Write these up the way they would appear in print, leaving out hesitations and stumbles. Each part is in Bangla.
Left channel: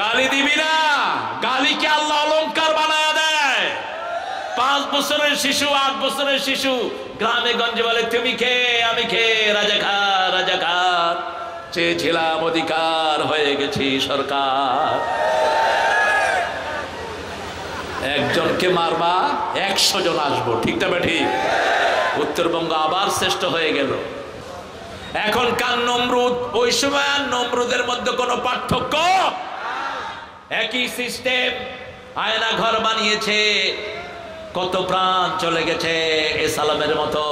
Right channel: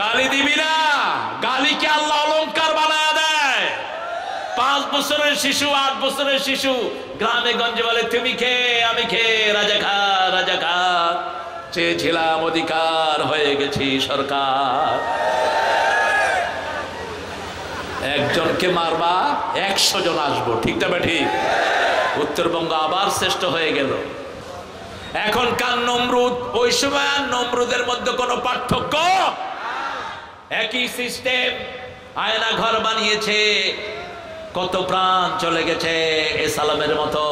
গালি দিবি না, গালিকে আল্লাহ অলংকার বানায় দেয়। 5 বছরের শিশু, 8 বছরের শিশু গ্রামে গঞ্জে বলে তুমি খেয়ে আমি খেয়ে রাজাকার রাজাকার, চেয়েছিলাম অধিকার হয়ে গেছি সরকার। একজনকে মারবা 100 জন আসবো, ঠিক না ঠিক? উত্তরবঙ্গ আবার শ্রেষ্ঠ হয়ে গেল। এখনকার নমরুদ ওই সময় নমরুদের মধ্যে কোনো পার্থক্য, একই সিস্টেম। আয়না ঘর বানিয়েছে, কত প্রাণ চলে গেছে। এস আলমের মতো,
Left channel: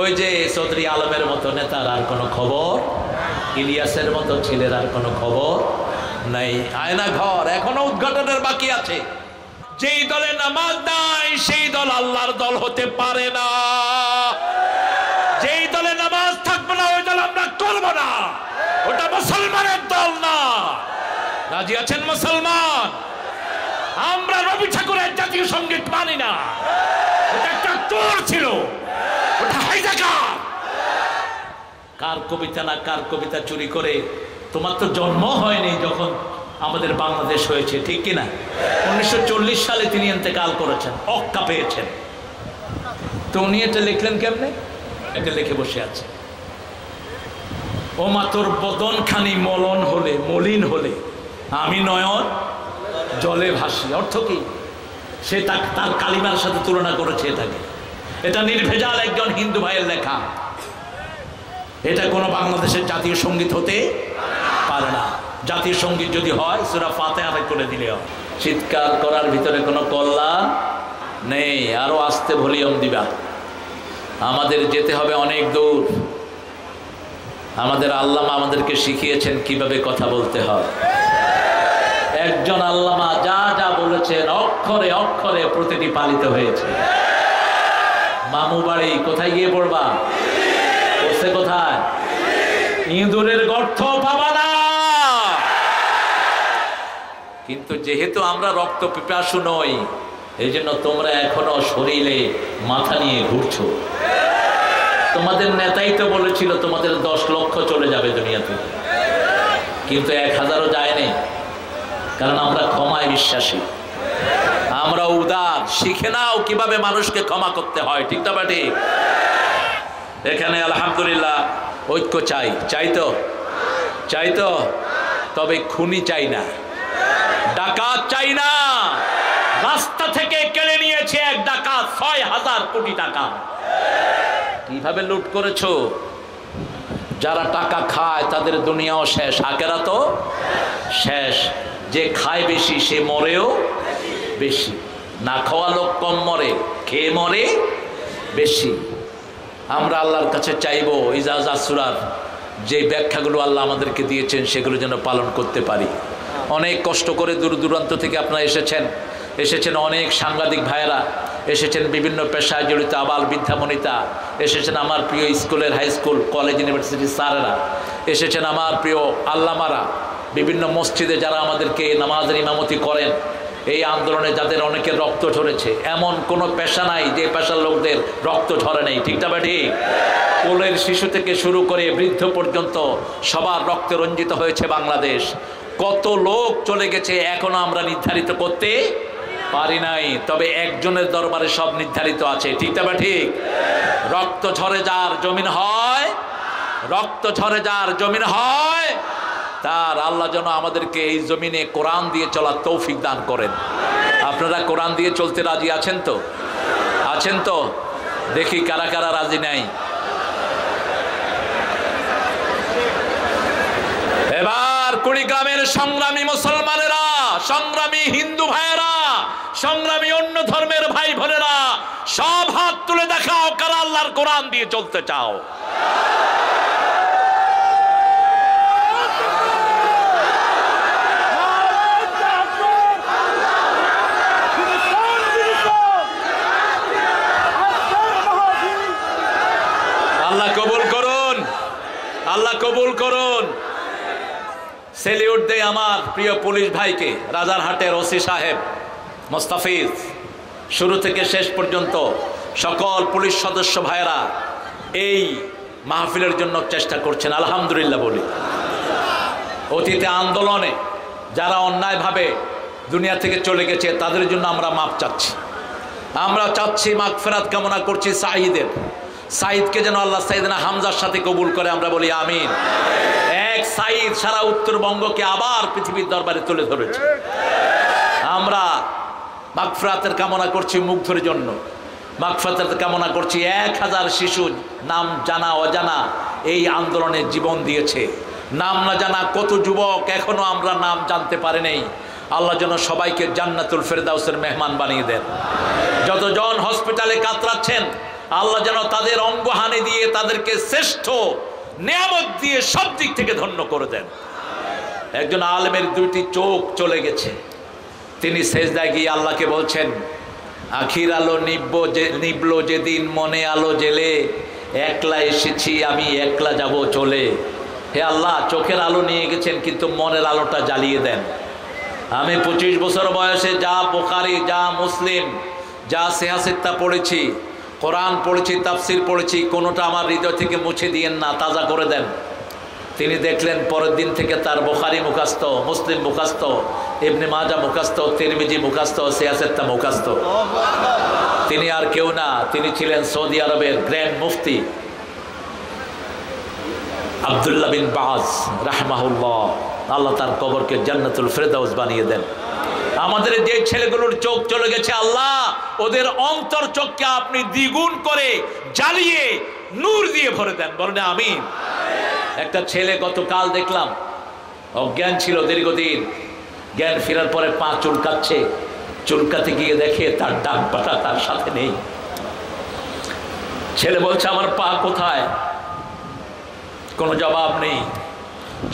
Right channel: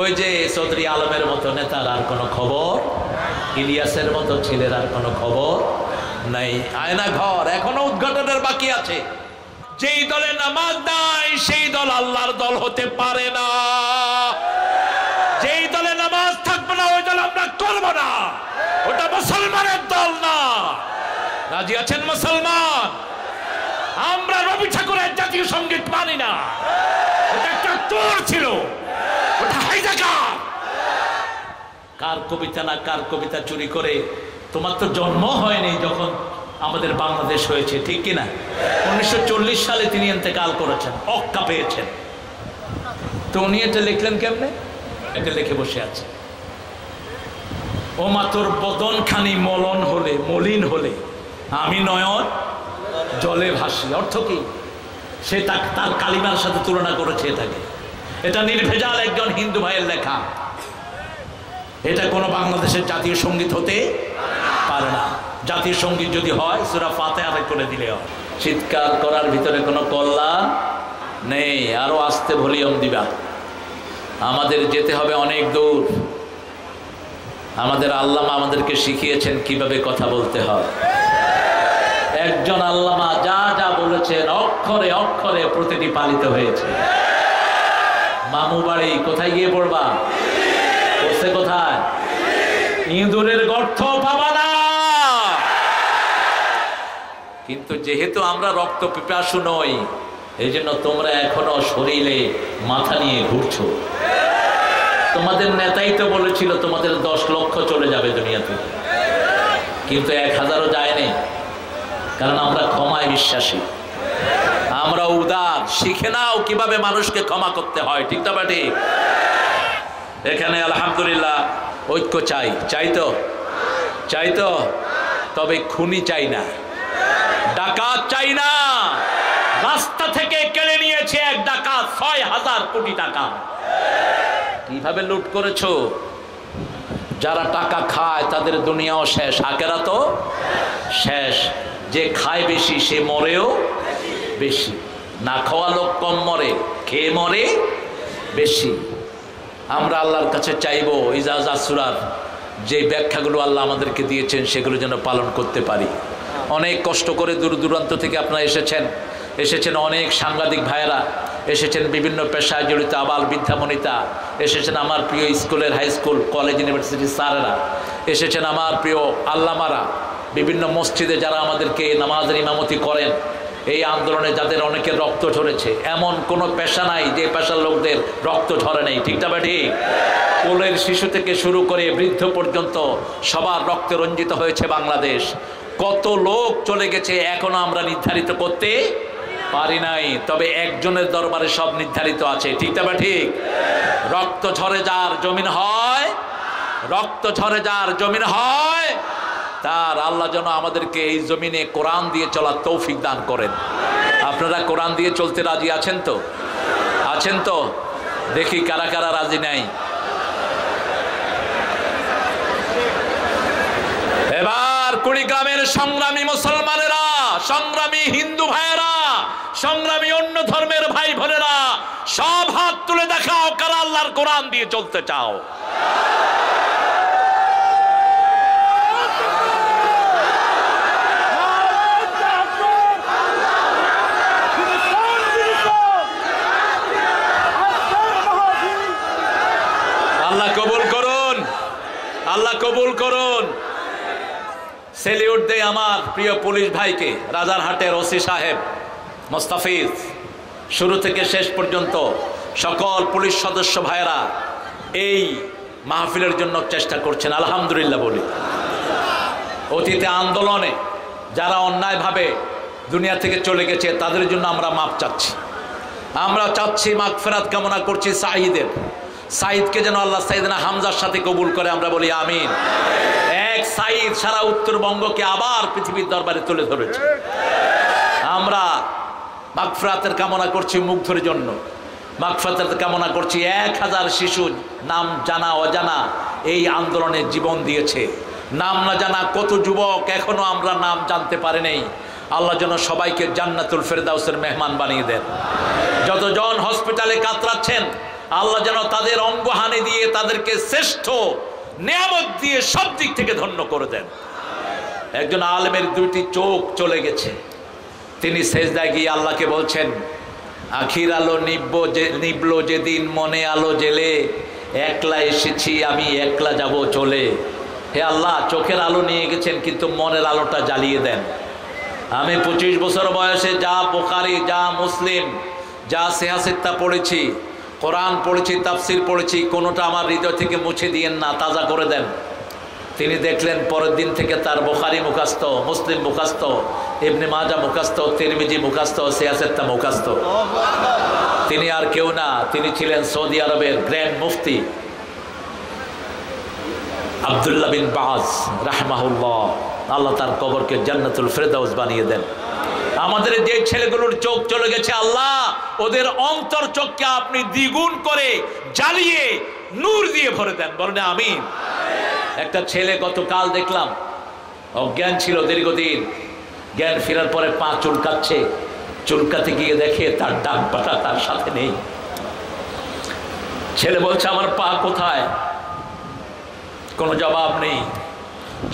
ওই যে চৌধুরী আলমের মতো নেতার আর কোনো খবর, ইলিয়াসের মতো ছেলের আর কোনো খবর নাই। আয়না ঘর এখনো উদ্ঘাটনের বাকি আছে। যেই দলে নামাজ নাই সেই দল আল্লাহর দল হতে পারে না। যেই দলে নামাজ থাকবে না ওই দল আমরা করব না, ওটা মুসলমানের দল না। রাজি আছেন মুসলমান? আমরা রবি ঠাকুরের জাতীয় সঙ্গীত মানি না, ওটা একটা তোর ছিল, ওটা হাইজাকার। কার কবিতা না কার কবিতা চুরি করে, তোমার তো জন্ম হয়নি যখন আমাদের বাংলাদেশ হয়েছে, ঠিক কিনা? 1940 সালে তিনি ইন্তেকাল করেছেন, অক্কা পেয়েছেন। তো উনি এটা লিখলেন কেমনে? এটা লিখে বসে আছে, ও মা তোর বদন খানি মলন হলে, মলিন হলে আমি নয়ন জলে ভাসি। অর্থ কি? সে তার কালিমার সাথে তুলনা করেছে এটাকে। এটা নির্ভেজাল একজন হিন্দু ভাইয়ের লেখা। এটা কোনো বাংলাদেশের জাতীয় সঙ্গীত হতে পারে না। জাতীয় সঙ্গীত যদি হয় সূরা ফাতিহা করে দিলে হয়। চিৎকার করার ভিতরে কোনো কল্যাণ নেই। আরো আস্তে ভলিউম দিবা। আমাদের যেতে হবে অনেক দূর। আমাদের আল্লামা আমাদেরকে শিখিয়েছেন কিভাবে কথা বলতে হয়। একজন আল্লামা যা যা বলেছেন অক্ষরে অক্ষরে প্রতিটি পালিত হয়েছে। মামু বাড়ি কোথায় গিয়ে পড়বা? পড়ছে কোথায়? ইঁদুরের গর্ত পাবা না। কিন্তু যেহেতু আমরা রক্ত পিপাসু নই, এই জন্য তোমরা এখনো শরীরে মাথা নিয়ে ঘুরছো। তোমাদের নেতাই তো বলেছিল তোমাদের 10 লক্ষ চলে যাবে দুনিয়া থেকে, কিন্তু 1000ও যায়নি। কারণ আমরা ক্ষমায় বিশ্বাসী, আমরা উদার। শিখে নাও কিভাবে মানুষকে ক্ষমা করতে হয়, ঠিক না ঠিক? এখানে আলহামদুলিল্লাহ ঐক্য চাই। চাই তো, তবে খুনি চাই না, ডাকাত চাই না। রাস্তা থেকে কেড়ে নিয়েছে এক ডাকাত 6000 কোটি টাকা। কিভাবে লুট করেছো? যারা টাকা খায় তাদের দুনিয়াও শেষ, আখেরাতও শেষ। যে খায় বেশি সে মরেও বেশি। না খাওয়া লোক কম মরে, খেয়ে মরে বেশি। আমরা আল্লাহর কাছে চাইবো ইজাজা সূরার যে ব্যাখ্যাগুলো আল্লাহ আমাদেরকে দিয়েছেন সেগুলো যেন পালন করতে পারি। অনেক কষ্ট করে দূর দূরান্ত থেকে আপনারা এসেছেন অনেক সাংবাদিক ভাইয়েরা, এসেছেন বিভিন্ন পেশায় জড়িত আবাল বৃদ্ধাবনিতা, এসেছেন আমার প্রিয় স্কুলের, হাই স্কুল, কলেজ, ইউনিভার্সিটির স্যারেরা, এসেছেন আমার প্রিয় আল্লামারা, বিভিন্ন মসজিদে যারা আমাদেরকে নামাজের ইমামতি করেন। এই আন্দোলনে যাদের অনেকের রক্ত ঝরেছে, এমন কোনো পেশা নাই যে পেশার লোকদের রক্ত ঝরে নেই, ঠিক না ঠিক? কোলের শিশু থেকে শুরু করে বৃদ্ধ পর্যন্ত সবার রক্তে রঞ্জিত হয়েছে বাংলাদেশ। কত লোক চলে গেছে এখনো আমরা নির্ধারিত করতে পারি নাই, তবে একজনের দরবারে সব নির্ধারিত আছে, ঠিক না ঠিক? রক্ত ঝরে যার জমিন হয়, রক্ত ঝরে যার জমিন হয়, তার আল্লাহ যেন আমাদেরকে এই জমিনে কোরআন দিয়ে চলার তৌফিক দান করেন। আপনারা কোরআন দিয়ে চলতে রাজি আছেন তো? আছেন তো? দেখি কারা কারা রাজি নাই। এবার কুড়িগ্রামের সংগ্রামী মুসলমানেরা, সংগ্রামী হিন্দু ভাইয়েরা, সংগ্রামী অন্য ধর্মের ভাই বোনেরা, সব হাত তুলে দেখাও কারা আল্লাহর কোরআন দিয়ে চলতে চাও। আল্লাহ কবুল করুন, আল্লাহ কবুল করুন। সেলিউট দেই আমার প্রিয় পুলিশ ভাইকে, রাজারহাটের ওসি সাহেব মোস্তাফিজ, শুরু থেকে শেষ পর্যন্ত সকল পুলিশ সদস্য ভাইরা এই মাহফিলের জন্য চেষ্টা করছেন, আলহামদুলিল্লাহ বলি। অতীতে আন্দোলনে যারা অন্যায়ভাবে দুনিয়া থেকে চলে গেছে তাদের জন্য আমরা মাপ চাচ্ছি। আমরা চাচ্ছি, মাগফিরাত কামনা করছি সাঈদকে যেন আল্লাহ সাইয়েদনা হামজার সাথে কবুল করে, আমরা বলি আমিন। এক সাঈদ সারা উত্তরবঙ্গকে আবার পৃথিবীর দরবারে তুলে ধরেছে। আমরা মাগফিরাতের কামনা করছি মুগ্ধের জন্য, মাগফিরাতের কামনা করছি 1000 শিশু নাম জানা অজানা এই আন্দোলনে জীবন দিয়েছে। নাম না জানা কত যুবক এখনো আমরা নাম জানতে পারি নাই। আল্লাহ যেন সবাইকে জান্নাতুল ফেরদাউসের মেহমান বানিয়ে দেন। যতজন হসপিটালে কাতরাচ্ছেন আল্লাহ যেন তাদের অঙ্গহানি দিয়ে তাদেরকে শ্রেষ্ঠ নিয়ামত দিয়ে সব দিক থেকে ধন্য করে দেন। একজন আলেমের 2টি চোখ চলে গেছে, তিনি সেজদায় গিয়ে আল্লাহকে বলছেন, আখির আলো নিবলো যেদিন মনে আলো জেলে, একলা এসেছি আমি একলা যাব চলে। হে আল্লাহ, চোখের আলো নিয়ে গেছেন কিন্তু মনের আলোটা জ্বালিয়ে দেন। আমি 25 বছর বয়সে যা বুখারী, যা মুসলিম, যা সিহাসিত্তা পড়েছি, কোরআন পড়েছি, তাফসির পড়েছি, কোনোটা আমার হৃদয় থেকে মুছে দিয়েন না, তাজা করে দেন। তিনি দেখলেন পরের দিন থেকে তার বুখারী মুখস্থ, মুসলিম মুখস্থ, ইবনে মাজাহ মুখস্থ, তিরমিজি মুখস্থ, সিয়াসিত্তা মুখস্থ। তিনি আর কেউ না, তিনি ছিলেন সৌদি আরবের গ্র্যান্ড মুফতি আব্দুল্লাহ বিন বাজ রাহমাহুল্লাহ। আল্লাহ তার কবরকে জান্নাতুল ফেরদাউস বানিয়ে দেন। আমাদের যে ছেলেগুলোর চোখ চলে গেছে আল্লাহ ওদের অন্তর চোখকে আপনি দ্বিগুণ করে জ্বালিয়ে নূর দিয়ে ভরে দেন, বলেন আমিন। একটা ছেলে গতকাল দেখলাম অজ্ঞান ছিল দীর্ঘদিন, জ্ঞান ফেরার পরে পা চুলকাচ্ছে, চুলকাতে গিয়ে দেখে তার ডান পাটা তার সাথে নেই। ছেলে বলছে আমার পা কোথায়, কোনো জবাব নেই।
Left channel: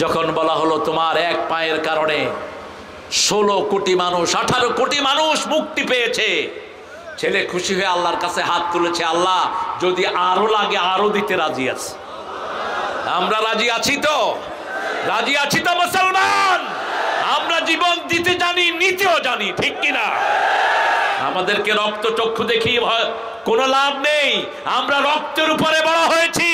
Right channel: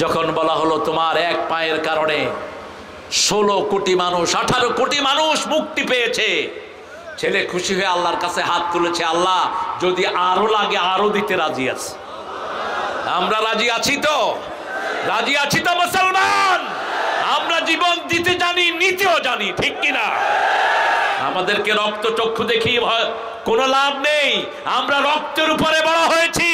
যখন বলা হলো তোমার এক পায়ের কারণে 16 কোটি মানুষ, 18 কোটি মানুষ মুক্তি পেয়েছে, ছেলে খুশি হয়ে আল্লাহর কাছে হাত তুলেছে, আল্লাহ যদি আরো লাগে আরো দিতে রাজি আছে। আমরা রাজি আছি তো? রাজি আছি তো মুসলমান? আমরা জীবন দিতে জানি, নিতেও জানি, ঠিক কিনা? আমাদেরকে রক্ত চক্ষু দেখিয়ে কোনো লাভ নেই। আমরা রক্তের উপরে বড় হয়েছি।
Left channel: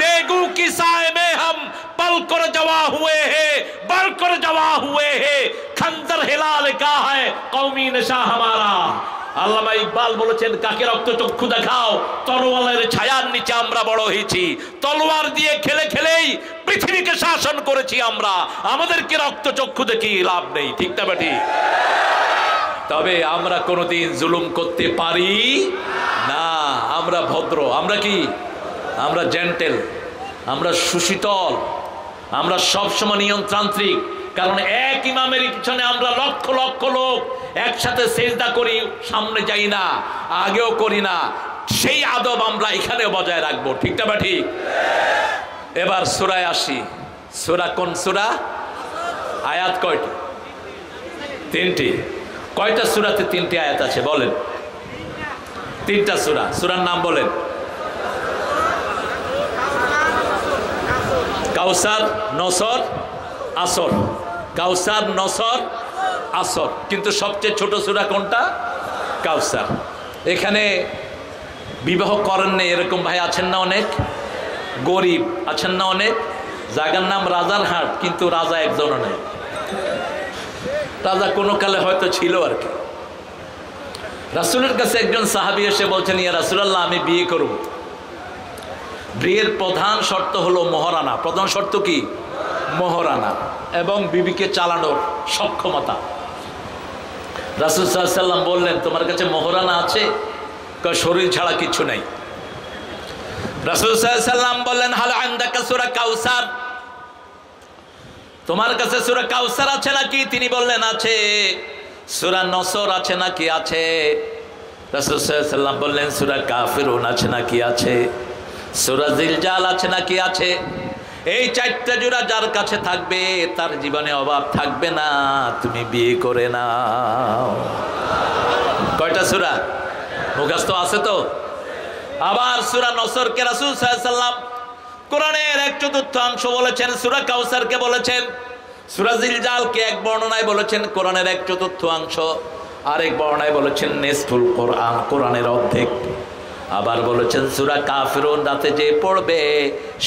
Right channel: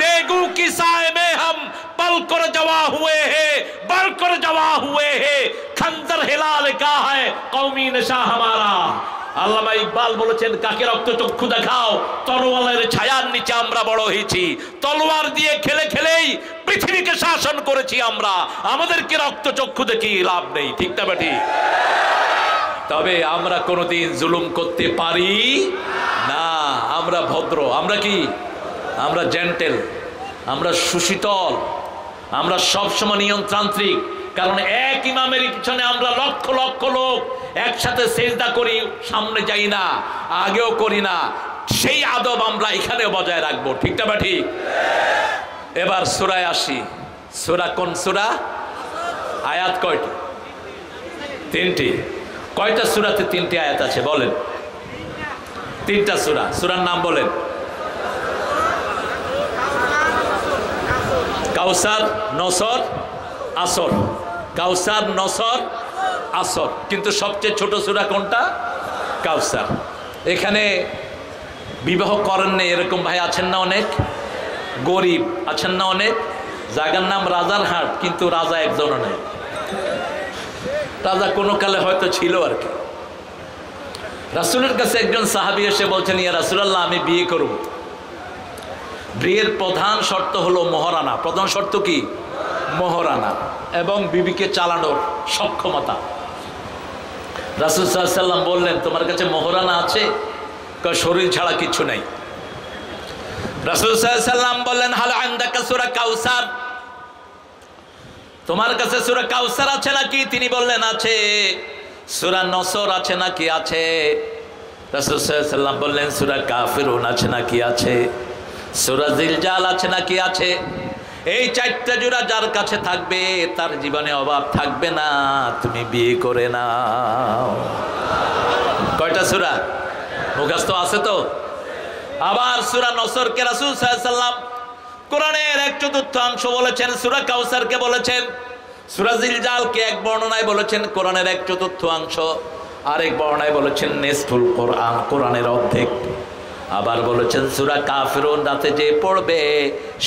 তেগু কি সায় মে হাম পল কর জওয়া হুয়ে হে, বল কর জওয়া হুয়ে হে, খঞ্জর হিলাল কা হ্যায় কওমি নেশা হামারা। আল্লামা ইকবাল বলেছেন, কাকে রক্ত চক্ষু দেখাও, তলোয়ারের ছায়ার নিচে আমরা বড় হয়েছি। তলোয়ার দিয়ে খেলে খেলেই পৃথিবীকে শাসন করেছি আমরা। আমাদেরকে রক্ত চক্ষু দেখিয়ে লাভ নেই, ঠিক না বেটি? তবে আমরা কোনোদিন জুলুম করতে পারি না। আমরা ভদ্র, আমরা কি? আমরা জেন্টেল, আমরা সুশীতল, আমরা সবসময় নিয়ন্ত্রান্ত্রিক। কারণ এক ইমামের পিছনে আমরা লক্ষ লক্ষ লোক একসাথে সেজদা করি, সামনে যাই না, আগেও করি না। সেই আদব আমরা এখানেও বজায় রাখবো, ঠিক না বা ঠিক? এবার সূরায় আসি। সূরা কোন সূরা? আয়াত কয়টি? 3টি। কয়টা সূরাতে 3টি আয়াত আছে বলেন? 3টা সূরা। সূরার নাম বলেন? কাউসার, নসর, আসর। কাউসার, নসর, আসর। কিন্তু সবচেয়ে ছোট সূরা কোনটা? কাউসার। এখানে বিবাহ করেন না এরকম ভাই আছেন না অনেক? গরিব আছেন না অনেক? জায়গার নাম রাজারহাট, কিন্তু রাজা একজনও নেই। রাজা কোনো কালে হয়তো ছিল আর কি। রাসূলের কাছে একজন সাহাবী এসে বলছেন, ইয়া রাসূলুল্লাহ, আমি বিয়ে করব। বিয়ের প্রধান শর্ত হলো মহারানা। প্রধান শর্ত কি? মহারানা এবং বিবিকে চালানোর সক্ষমতা। রাসূল সাল্লাল্লাহু আলাইহি ওয়াসাল্লাম বললেন, তোমার কাছে মহারানা আছে? শরীর ছাড়া কিছু নাই। রাসূল সাল্লাল্লাহু আলাইহি ওয়াসাল্লাম বললেন, হাল আনদাকা সূরা কাউসার, তোমার কাছে সূরা কাউসার আছে নাকি? তিনি বললেন আছে। সূরা নসর আছে নাকি? আছে। রাসূল সাল্লাল্লাহু আলাইহি ওয়াসাল্লাম বললেন, সূরা কাফিরুন আছে নাকি? আছে। সূরা জিলজাল আছে নাকি? আছে। এই 4টা জোড়া যার কাছে থাকবে তার জীবনে অভাব থাকবে না, তুমি বিয়ে করে নাও। কয়টা সূরা মুখস্থ আছে তো? আবার সূরা নসরকে রাসূল সাল্লাল্লাহু আলাইহি ওয়াসাল্লাম কোরআনের 1/4 বলেছেন, সূরা কাউসারকে বলেছেন, সূরা জিলজালকে এক বর্ণনায় বলেছেন কোরআনের 1/4, আরেক বর্ণনায় বলেছেন নিসফুল কোরআন, কোরআনের অর্ধেক। আবার বলেছেন সূরা কাফিরুন রাতে যে পড়বে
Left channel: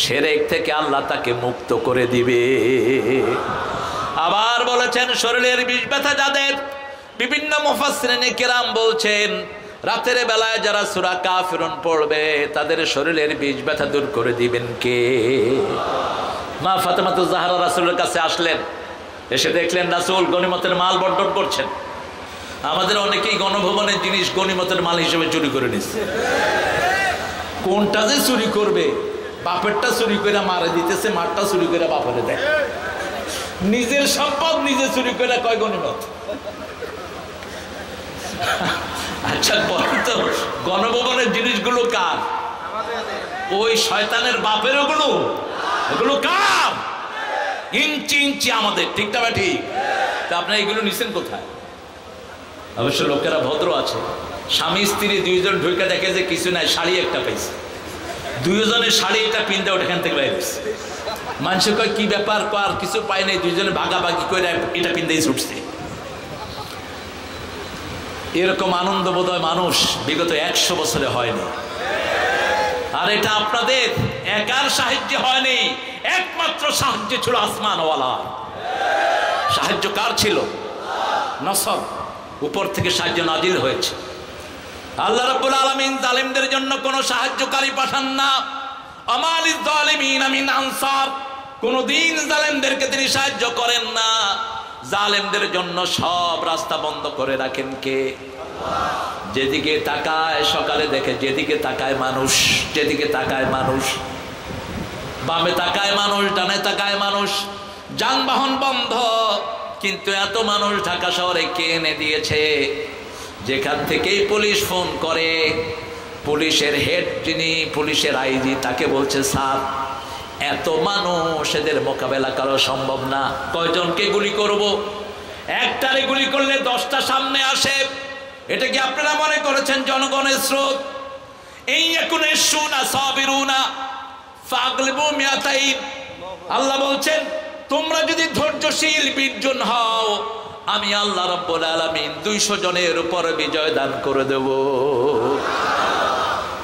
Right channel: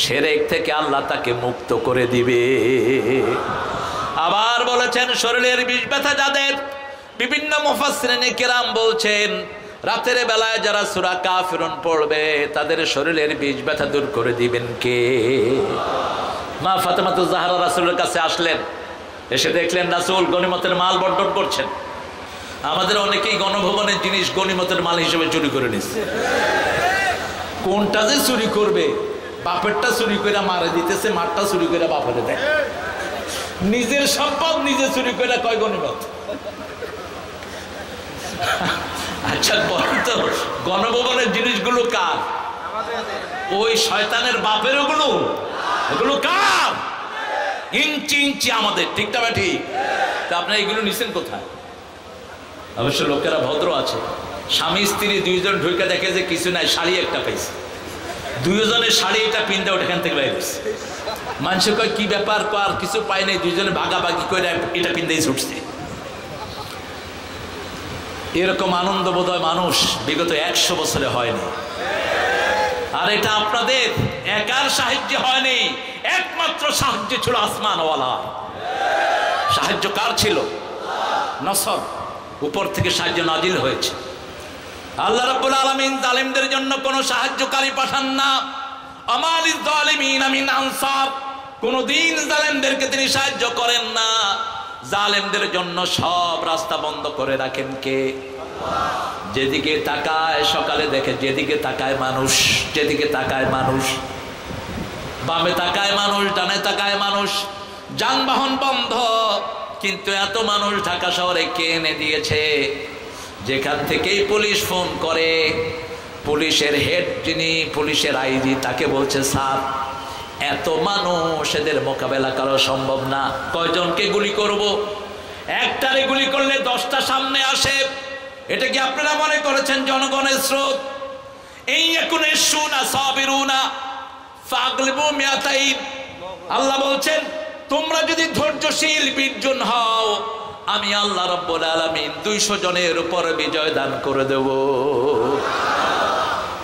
শিরক থেকে আল্লাহ তাকে মুক্ত করে দিবে। আবার বলেছেন শরীরের বিষ ব্যথা যাদের, বিভিন্ন মুফাসসিরিনে কেরাম বলছেন রাতের বেলায় যারা সূরা কাফিরুন পড়বে তাদের শরীরের বিষ ব্যথা দূর করে দিবেন কে? মা ফাতেমাতুজ জাহরা রাসূলের কাছে আসলেন, এসে দেখলেন রাসূল গনিমতের মাল বন্টন করছেন। আমাদের অনেকেই গণভবনের জিনিস গনিমতের মাল হিসেবে চুরি করে নিচ্ছে। কোনটা যে চুরি করবে, বাপেরটা চুরি করে মারে দিতেছে, মারটা চুরি করে বাপেরে দেয়। নিজের সম্পদ নিজে চুরি করে কয় গনিমত। আচ্ছা বলেন তো গণভবনের জিনিসগুলো কার? ওই শয়তানের বাপের ওগুলো, ওগুলো কার? ইঞ্চি ইঞ্চি আমাদের, ঠিক না ঠিক? তা আপনারা এগুলো নিছেন কোথায়? অবশ্য লোকেরা ভদ্র আছে, স্বামী স্ত্রী দুইজন ঢুকে দেখে যে কিছু নাই, শাড়ি একটা পাইছে, দুইজনের শাড়ি এটা পিনতে ওখান থেকে বাইরে মানুষ কয় কি ব্যাপার, আর কিছু পাই নাই, দুইজনে ভাগাভাগি করে এটা পিনতেই ছুটছে। এরকম আনন্দ বোধহয় মানুষ বিগত 100 বছরে হয়নি। আর এটা আপনাদের একার সাহায্যে হয়নি, একমাত্র সাহায্য ছিল আসমানওয়ালা। সাহায্য কার ছিল? নসর, উপর থেকে সাহায্য নাজিল হয়েছে। আল্লাহ রাব্বুল আলামিন জালিমদের জন্য কোনো সাহায্যকারী পাঠান না। আমালিজ জালিমিন মিন আনসার, কোনদিন জালেমদেরকে তিনি সাহায্য করেন না। জালেমদের জন্য সব রাস্তা বন্ধ করে রাখেন কে? যেদিকে তাকায় সকালে দেখে, যেদিকে তাকায় মানুষ, যেদিকে তাকায় মানুষ, বামে তাকায় মানুষ, ডানে তাকায় মানুষ, যানবাহন বন্ধ, কিন্তু এত মানুষ ঢাকা শহরে কে এনে দিয়েছে? যেখান থেকেই পুলিশ ফোন করে, পুলিশের হেড যিনি, পুলিশের আইজি, তাকে বলছে স্যার এত মানুষ, এদের মোকাবেলা করা সম্ভব না, কয়জনকে গুলি করব? একটারে গুলি করলে 10টা সামনে আসে। এটা কি আপনারা মনে করেছেন জনগণের স্রোত? এই একুনে শুনা সাবিরুনা ফাগলিবু মিয়াতাইন। আল্লাহ বলছেন তোমরা যদি ধৈর্যশীল 20 জন হও, আমি আল্লাহ রাব্বুল আলামিন 200 জনের উপর বিজয় দান করে দেব।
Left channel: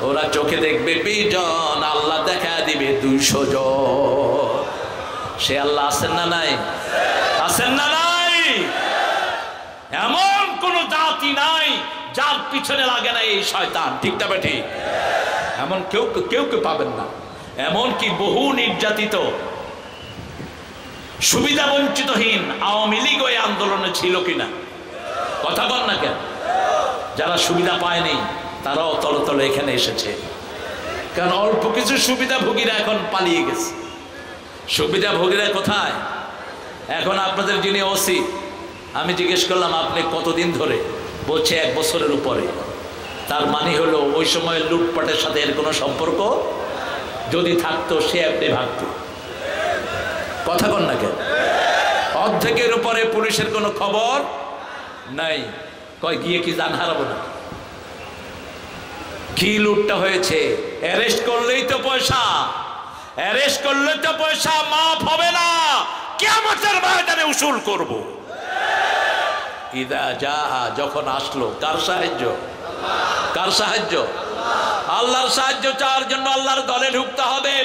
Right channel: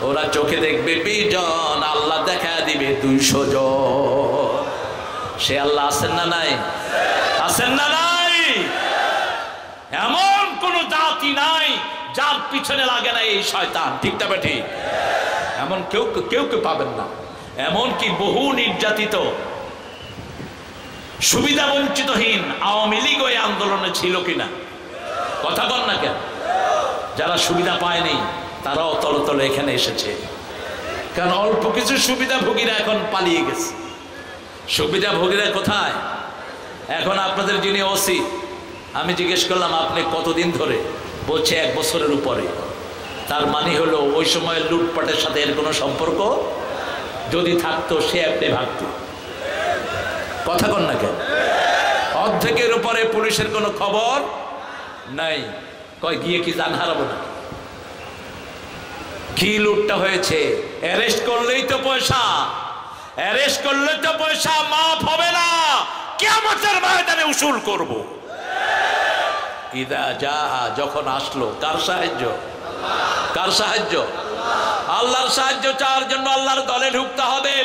ওরা চোখে দেখবে 20 জন, আল্লাহ দেখা দিবে 200 জন। সে আল্লাহ আছেন না নাই? আছেন না নাই? এমন কোন জাতি নাই যার পিছনে লাগে না এই শয়তান, ঠিক না ঠিক? এমন কেউ কেউ পাবেন না। এমন কি বহু নির্যাতিত, সুবিধা বঞ্চিতহীন আওয়ামী লীগ ওই আন্দোলনে ছিল কিনা? কথা বল না কেন? যারা সুবিধা পায়নি তারাও তলে তলে এখানে এসেছে, কারণ অল্প কিছু সুবিধাভোগীরা এখন পালিয়ে গেছে। সুবিধাভোগীরা কোথায়? এখন আপনাদের যিনি ওসি, আমি জিজ্ঞেস করলাম আপনি কতদিন ধরে? বলছে 1 বছরের উপরে। তার মানে হলো ওই সময় লুটপাটের সাথে এর কোনো সম্পর্ক যদি থাকতো সে আপনি ভাগত। কথা কন না কেন? অর্ধেকের উপরে পুলিশের কোনো খবর নাই। কয় গিয়ে কি জান হারাবো না? কি লুটটা হয়েছে? অ্যারেস্ট করলেই তো পয়সা, অ্যারেস্ট করলে তো পয়সা মাফ হবে না, কিয়ামতের ময়দানে উসুল করব। ইদা জাহা, যখন আসলো, কার সাহায্য? কার সাহায্য? আল্লাহর সাহায্য চাওয়ার জন্য আল্লাহর দলে ঢুকতে হবে।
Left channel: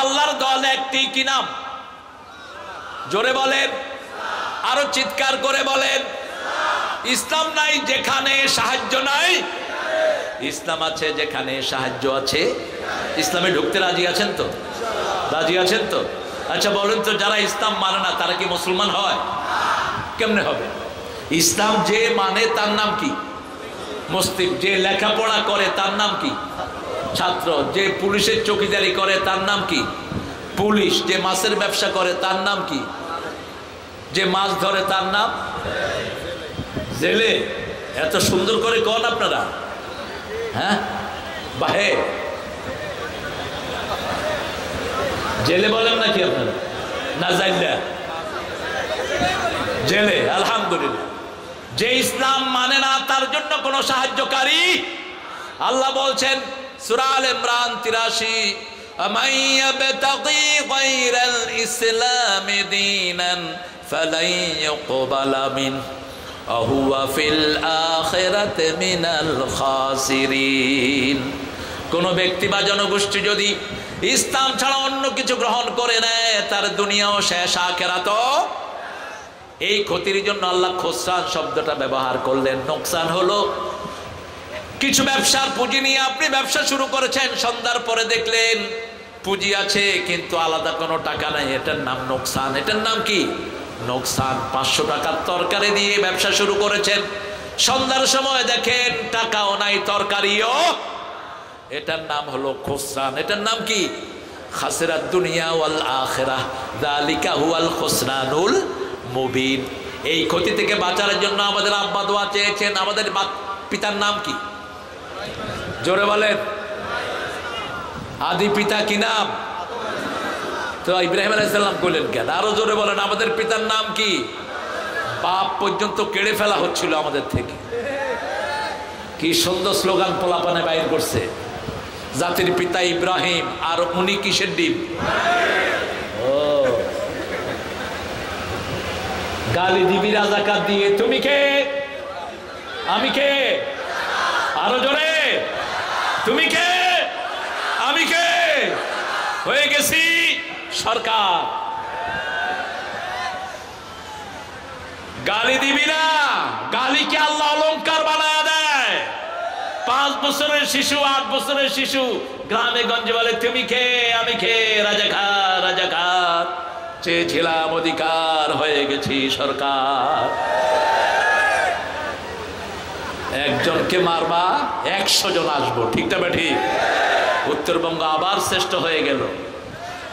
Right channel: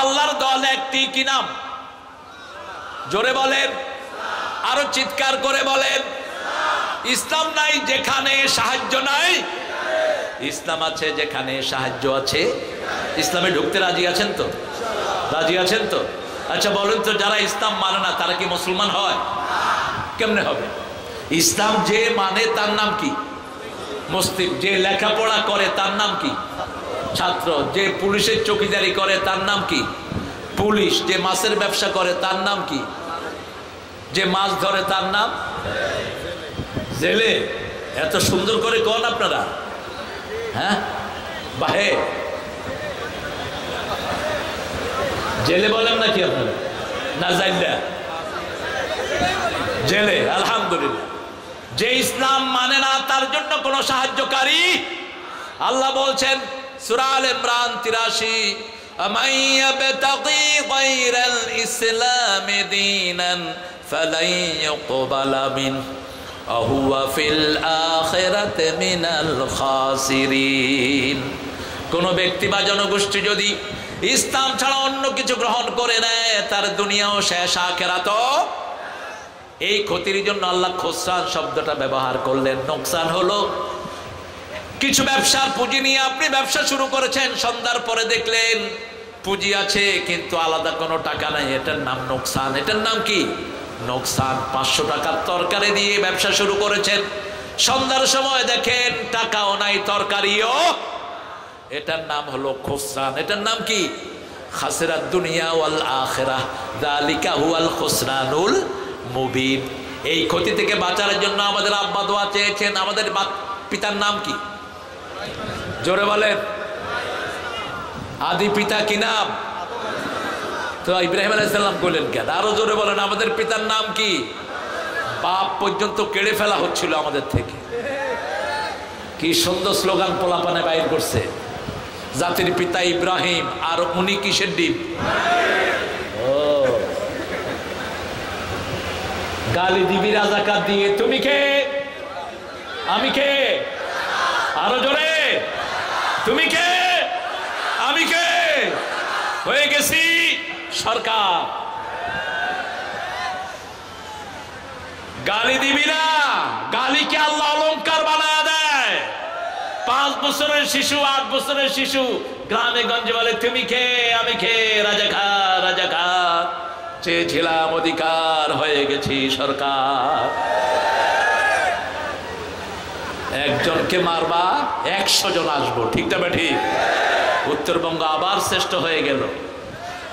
আল্লাহর দল একটি, কি নাম? জোরে বলেন, আরো চিৎকার করে বলেন। ইসলাম নাই যেখানে সাহায্য নাই, ইসলাম আছে যেখানে সাহায্য আছে। ইসলামে ঢুকতে রাজি আছেন তো? রাজি আছেন তো? আচ্ছা বলেন তো, যারা ইসলাম মানে না তারা কি মুসলমান হয়? কেমনে হবে? ইসলাম যে মানে তার নাম কি? মুসলিম। যে লেখাপড়া করে তার নাম কি? ছাত্র। যে পুলিশের চৌকিদারি করে তার নাম কি? পুলিশ। যে মাছের ব্যবসা করে তার নাম কি? যে মাছ ধরে তার নাম জেলে। এত সুন্দর করে কন আপনারা, হ্যাঁ? বাহে জেলে বলেন নাকি আপনারা? না জাইল্লা জেলে। আলহামদুলিল্লাহ। যে ইসলাম মানে না তার জন্য কোনো সাহায্যকারী, আল্লাহ বলছেন সূরা আল ইমরান 83, আমান ইয়াবতাগি গায়রাল ইসলামি দীনান ফালাই ইউকবালা মিনহু ওয়া হুয়া ফিল আখিরাতি মিনাল খাসিরিন। কোন ব্যক্তি বা জনগোষ্ঠী যদি ইসলাম ছাড়া অন্য কিছু গ্রহণ করে নেয়, তার দুনিয়াও শেষ, আখিরাতও। এই ক্ষতির জন্য আল্লাহ খোসরান শব্দটা ব্যবহার করলেন। নোকসান হলো কিছু ব্যবসার পুঁজি নিয়ে আপনি ব্যবসা শুরু করেছেন, সন্ধ্যার পরে দেখলেন পুঁজি আছে কিন্তু আলাদা কোনো টাকা নাই, এটার নাম নোকসান। এটার নাম কি? নোকসান। 500 টাকার তরকারি দিয়ে ব্যবসা শুরু করেছেন, সন্ধ্যার সময় দেখেন টাকাও নাই, তরকারিও, এটার নাম হলো খোসরান। এটার নাম কি? খাসিরাত দুনিয়া ওয়াল আখিরাহ, যালিকা হুয়াল খুসরানুল মুবিন। এই ক্ষতি থেকে বাঁচার জন্য আমাদের আব্বা দোয়া চেয়েছেন। আমাদের পিতার নাম কি? জোরে বলেন। আদি পিতা কি নাম? তো ইব্রাহিম আলাইহিস সালাম বললেন কেন? আরো জোরে বলেন। আমাদের পিতার নাম কি? বাপ পর্যন্ত কেড়ে ফেলা হচ্ছিল আমাদের থেকে। কি সুন্দর স্লোগান পোলাপানে বাইর করছে, জাতির পিতা ইব্রাহিম, আর উনি কিসের ডিম? ও গালি দিবি রাজাকার দিয়ে, তুমি কে? আমি কে? আরো জোরে, তুমি কে? আমি কে? হয়ে গেছি সরকার। গালি দিবি না, গালিকে আল্লাহ অলংকার বানায় দেয়। 5 বছরের শিশু, 8 বছরের শিশু গ্রামে গঞ্জে বলে তুমি কে? আমি কে? রাজাকার, রাজাকার। চেয়েছিলাম অধিকার, হয়ে গেছি সরকার। একজনকে মারবা 100 জন আসবো, ঠিক না ঠিক? উত্তরবঙ্গ আবার শ্রেষ্ঠ হয়ে গেল।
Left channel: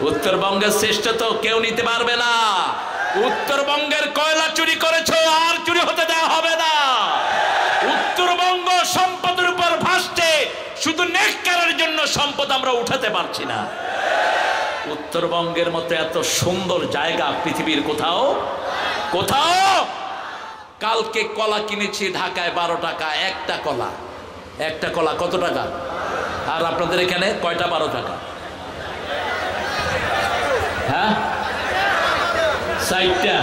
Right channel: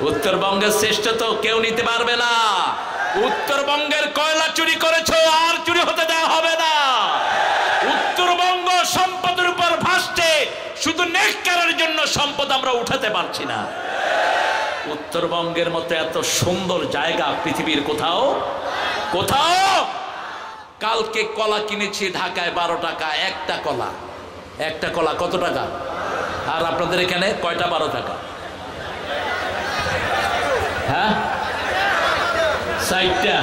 উত্তরবঙ্গের শ্রেষ্ঠ তো কেউ নিতে পারবে না। উত্তরবঙ্গের কয়লা চুরি করেছো, আর চুরি হতে দেওয়া হবে না। উত্তরবঙ্গ সম্পদের উপর ভাসছে, শুধু নেককারের জন্য সম্পদ আমরা উঠাতে পারছি না। উত্তরবঙ্গের মতো এত সুন্দর জায়গা পৃথিবীর কোথাও কোথাও। কালকে কলা কিনেছি ঢাকায় 12 টাকা একটা কলা। একটা কলা কত টাকা? আর আপনাদের এখানে কয়টা 12 টাকা? হ্যাঁ, 4টা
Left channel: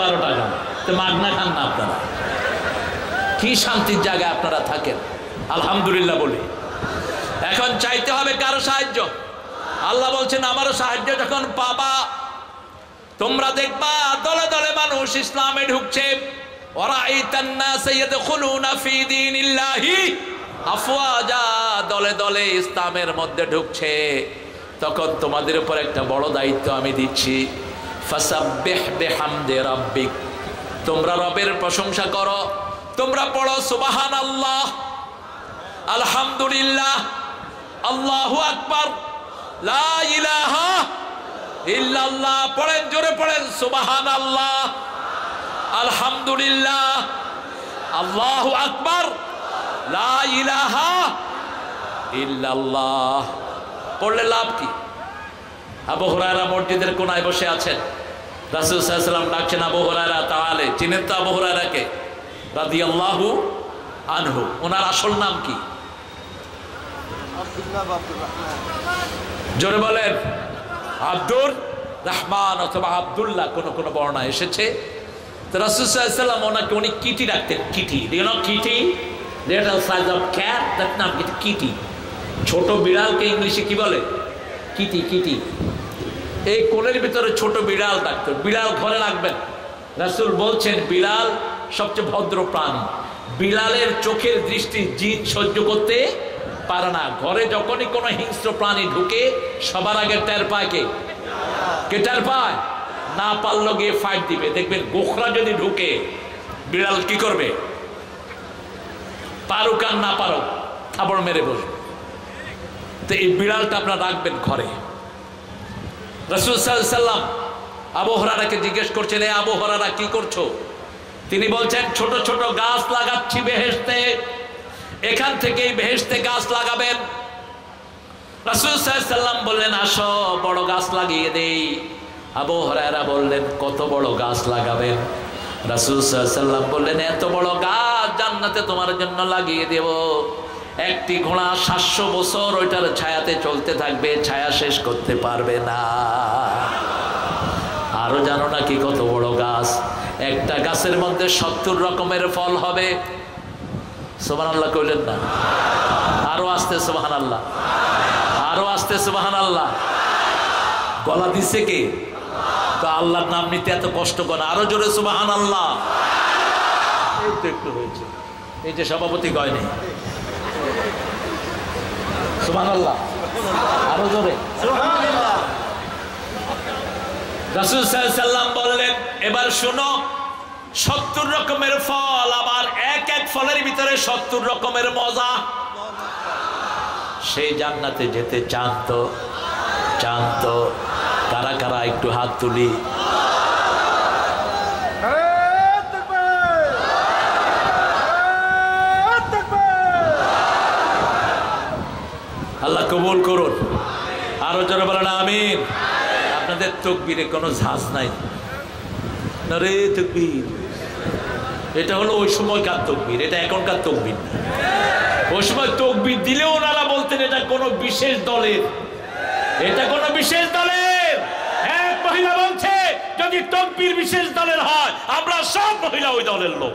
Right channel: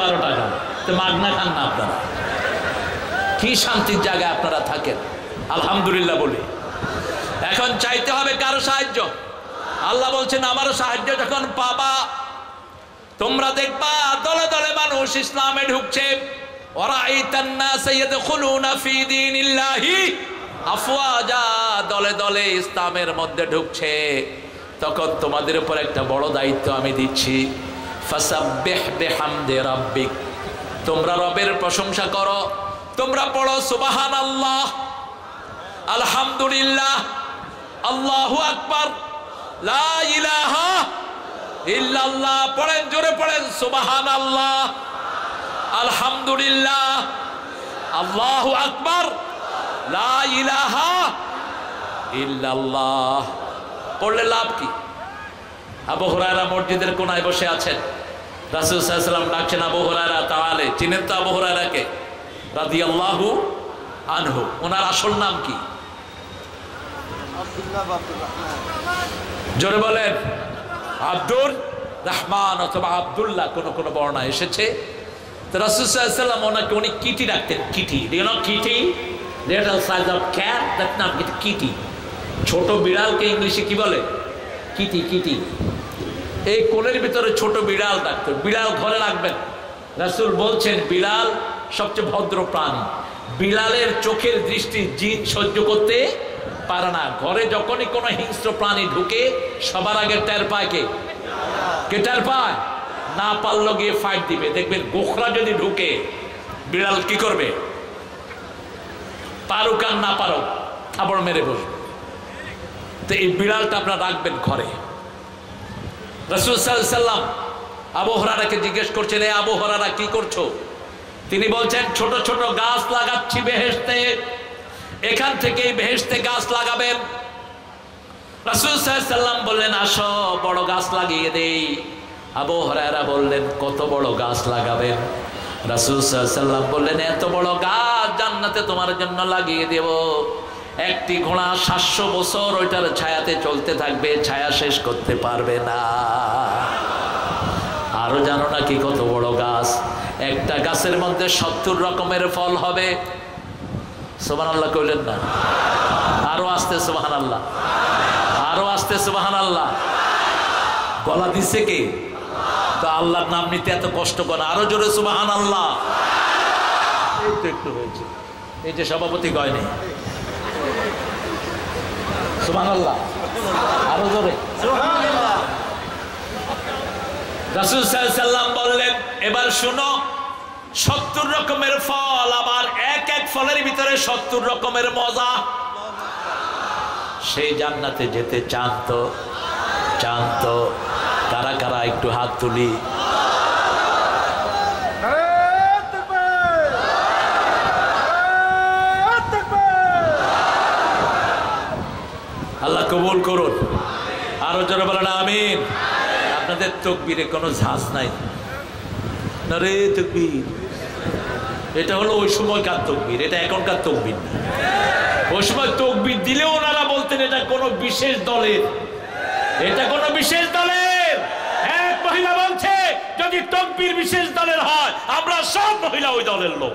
12 টাকা। তো মাগনা খান না আপনারা? কি শান্তির জায়গায় আপনারা থাকেন, আলহামদুলিল্লাহ বলি। এখন চাইতে হবে কারো সাহায্য। আল্লাহ বলছেন আমারও সাহায্য যখন পাবা, তোমরা দেখবা দলে দলে মানুষ ইসলামে ঢুকছে। ওয়ারাইতান নাস ইয়াদখুলুনা ফি দীনিল্লাহি আফওয়াজা, দলে দলে ইসলামের মধ্যে ঢুকছে। তখন তোমাদের উপর একটা বড় দায়িত্ব আমি দিচ্ছি। ফাসাব্বিহ বিহামদি রাব্বিক, তোমরা রবের প্রশংসা করো। তোমরা পড়ো সুবহানাল্লাহ, আলহামদুলিল্লাহ, আল্লাহু আকবার, লা ইলাহা ইল্লাল্লাহ। পড়েন, জোরে পড়েন, সুবহানাল্লাহ, আলহামদুলিল্লাহ, আল্লাহু আকবার, লা ইলাহা ইল্লাল্লাহ। পড়লে লাভ কি? আবু হুরায়রা মসজিদের কোনায় বসে আছেন, রাসূল সাল্লাল্লাহু আলাইহি ওয়াসাল্লাম ডাকছেন আবু হুরায়রা তাআলে। চিনেন তো আবু হুরায়রাকে রাদিয়াল্লাহু আনহু? ওনার আসল নাম কি? জোরে বলেন। আব্দুর রহমান অথবা আব্দুল্লাহ, কোন বর্ণনা এসেছে। তো রাসূল সাল্লাল্লাহু আলাইহি ওয়াসাল্লাম ওনাকে উনি কিটি ডাকতেন। Kitty, you know Kitty, little size of cat, that নাম কিটি। ছোট বিড়ালকে ইংলিশে কি বলে? Kitty, kitty. এই কোলের ভিতরে ছোট বিড়াল ডাকতেন। বিড়াল ঘরে রাখবেন। রাসূল বলছেন বিড়াল সবচেয়ে ভদ্র প্রাণী। বিড়ালের চোখের দৃষ্টি জিন সহ্য করতে পারে না। ঘরে যখনই কোনো হিংস্র প্রাণী ঢুকে সবার আগে টের পায় কে? টের পায়? না পারলো গিয়ে ফাইট দিবে। দেখবেন গোখরা যদি ঢুকে বিড়াল কি করবে? পারুক আর না পারুক থাবড় মেরে বসবে। তো এই বিড়ালটা আপনারা রাখবেন ঘরে। রাসূল সাল্লাল্লাহু আলাইহি ওয়াসাল্লাম আবু হুরায়রাকে জিজ্ঞেস করছেন, এ আবু হুরায়রা কি করছো? তিনি বলছেন ছোট ছোট গাছ লাগাচ্ছি বেহেশতে, এখান থেকেই বেহেশতে গাছ লাগাবেন। রাসূল সাল্লাল্লাহু আলাইহি ওয়াসাল্লাম বললেন আসো বড় গাছ লাগিয়ে দেই। আবু হুরায়রা বললেন কত বড় গাছ লাগাবেন? রাসূল সাল্লাল্লাহু আলাইহি ওয়াসাল্লাম বললেন এত বড় গাছ জান্নাতে তোমার জন্য লাগিয়ে দেব। একটি ঘোড়া 700 বছর ওইটার ছায়াতে চলতে থাকবে, ছায়া শেষ করতে পারবে না। আরো জানো না কি কত বড় গাছ? একটা গাছের মধ্যে 70 রকমের ফল হবে। সুবহানাল্লাহ কইলেন না? আরো আসতে সুবহানাল্লাহ, আরো আসতে সুবহানাল্লাহ। গলা দিছে কে? তো আল্লাহর নাম নিতে এত কষ্ট করে, আরো জোরে সুবহানাল্লাহ। এই তো একটু হয়েছে, এই যে সভাপতি গয়নি সুবহানাল্লাহ, আরো জোরে সুবহানাল্লাহ। রাসূল সাল্লাল্লাহু আলাইহি সাল্লাম বললেন, এবার শুনো, 70 রকমের ফল, আবার এক এক ফলের ভিতরে 70 রকমের মজা। সেই জান্নাতে যেতে চান তো? চান তো? কারা কারা একটু হাত তুলি। আল্লাহ কবুল করুন। আরো জোরে বলেন আমিন। আপনাদের তাকবীরে কোনো ঝাঁজ নাই না রে। তাকবীর এটা হলো ওই সময়কার তাকবীর, এটা এখনকার তাকবীর না। ওই সময় তাকবীর দিলেও ওনারা বলতেন এটা কোনো বিশেষ দলের, এটা কোনো বিশেষ দলের। এক মহিলা বলছে যদি তাকবীর বিশেষ দলের হয়, আমরা সব মহিলা ওই দলের লোক।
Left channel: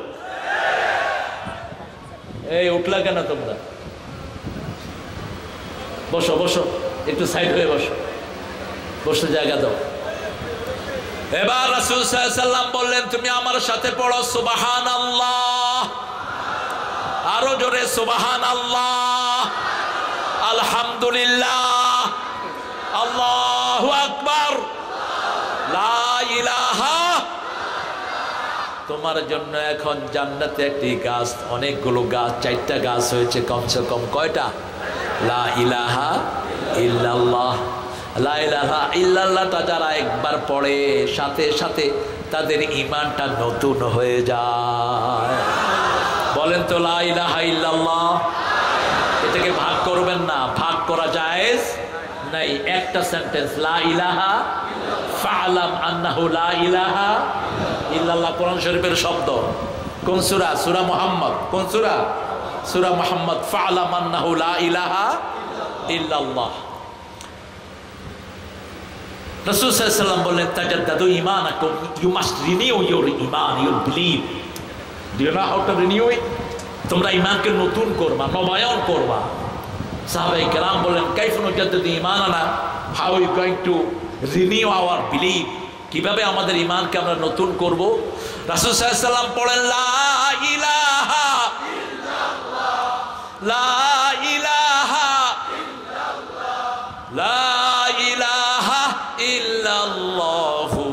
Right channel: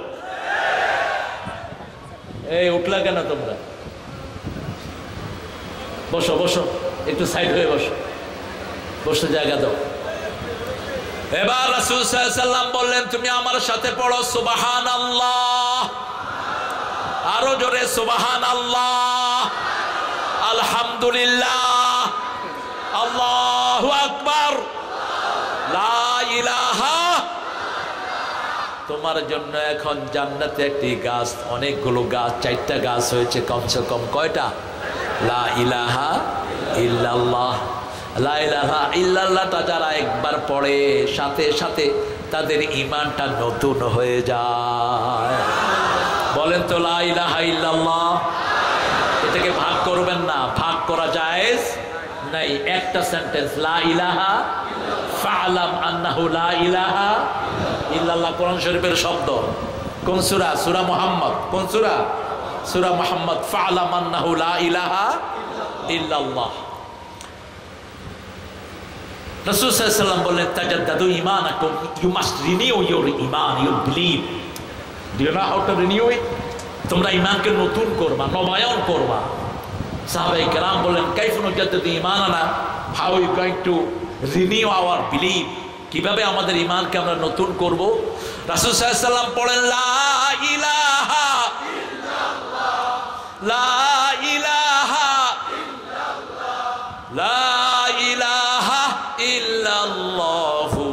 এই উঠলা কেন তোমরা? বসো বসো, একটু সাইড হয়ে বসো, বসতে জায়গা দাও। এবার রাসূল সাল্লাল্লাহু আলাইহি সাল্লাম বললেন, তুমি আমার সাথে পড়ো সুবহানাল্লাহ। আরো জোরে সুবহানাল্লাহ, আলহামদুলিল্লাহ, আল্লাহু আকবার, লা ইলাহা। তোমার জন্য এখন জান্নাতে একটি গাছ, অনেকগুলো গাছ, 4টা গাছ হয়েছে কমসে কম। কয়টা? লা ইলাহা ইল্লাল্লাহ। লা ইলাহা ইল্লাল্লাহটা যারা একবার পড়ে, সাথে সাথে তাদের ঈমানটা নতুন হয়ে যায়। বলেন তো লা ইলাহা ইল্লাল্লাহ। এটাকে ভাগ করবেন না, ভাগ করা জায়েজ নাই। একটা সেন্টেন্স, লা ইলাহা ফা'লাম আন্নাহু লা ইলাহা ইল্লাল্লাহ। কোরআন শরীফের শব্দ। কোন সূরা? সূরা মুহাম্মদ। কোন সূরা? সূরা মুহাম্মদ। ফা'লাম আন্নাহু লা ইলাহা ইল্লাল্লাহ। রাসূল সাল্লাল্লাহু আলাইহি ওয়াসাল্লাম বললেন, তাজাদ্দাদু ঈমানাকুম, ইউ মাস্ট রিনিউ ইউর ঈমান, your believe. Do you know how to renew it? তোমরা ঈমানকে নতুন করবা, নবায়ন করবা। সাহাবায়ে কেরাম বললেন, কাইফা নুজাদ্দিদু ঈমানানা, how you going to renew our believe? কিভাবে আমাদের ঈমানকে আমরা নতুন করব? রাসূল সাল্লাল্লাহু আলাইহি ওয়াসাল্লাম পড়েন, লা ইলাহা ইল্লাল্লাহ, লা ইলাহা ইল্লাল্লাহ, লা ইলাহা ইল্লাল্লাহু।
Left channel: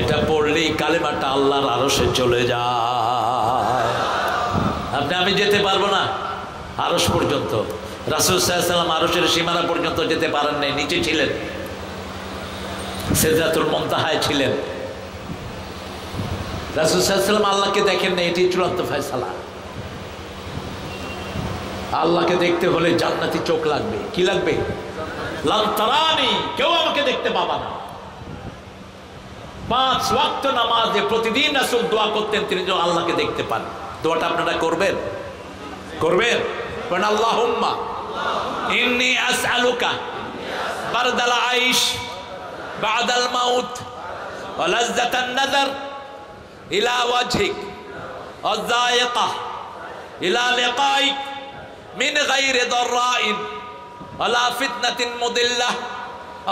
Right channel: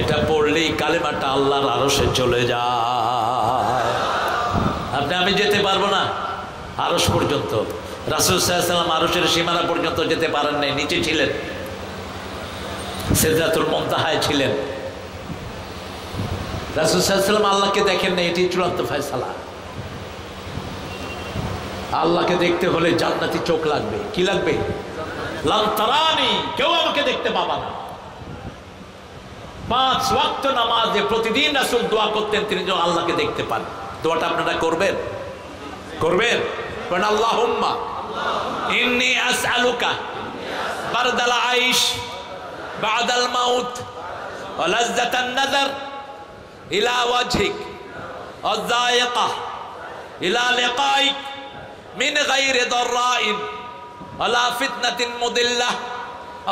এটা পড়লেই কালেমাটা আল্লাহর আরশে চলে যায়। আপনি আমি যেতে পারবো না আরশ পর্যন্ত। রাসূল সাল্লাল্লাহু আলাইহি ওয়াসাল্লাম আরশের সীমানা পর্যন্ত যেতে পারেন নাই, নিচে ছিলেন, সিদরাতুল মুনতাহায় ছিলেন। রাসূল সাল্লাল্লাহু আলাইহি ওয়াসাল্লাম আল্লাহকে দেখেন না, এটি চূড়ান্ত ফয়সালা। আল্লাহকে দেখতে হলে জান্নাতি চোখ লাগবে। কি লাগবে? লান তারানি, কেউ আমাকে দেখতে পাবা না। 5 ওয়াক্ত নামাজে প্রতিদিন রাসূল দোয়া করতেন তিনি যেন আল্লাহকে দেখতে পান। দোয়াটা আপনারা করবেন? করবেন? কারণ আল্লাহুম্মা ইন্নী আসআলুকা বারদাল আইশ বাদাল মাউত ওয়া লাযযাতান নাযার ইলা ওয়াজহিক ওয়া যায়িকা ইলা লিকাইক মিন গায়রি দাররাইন ওয়ালা ফিতনাতিন মুদিল্লাহ।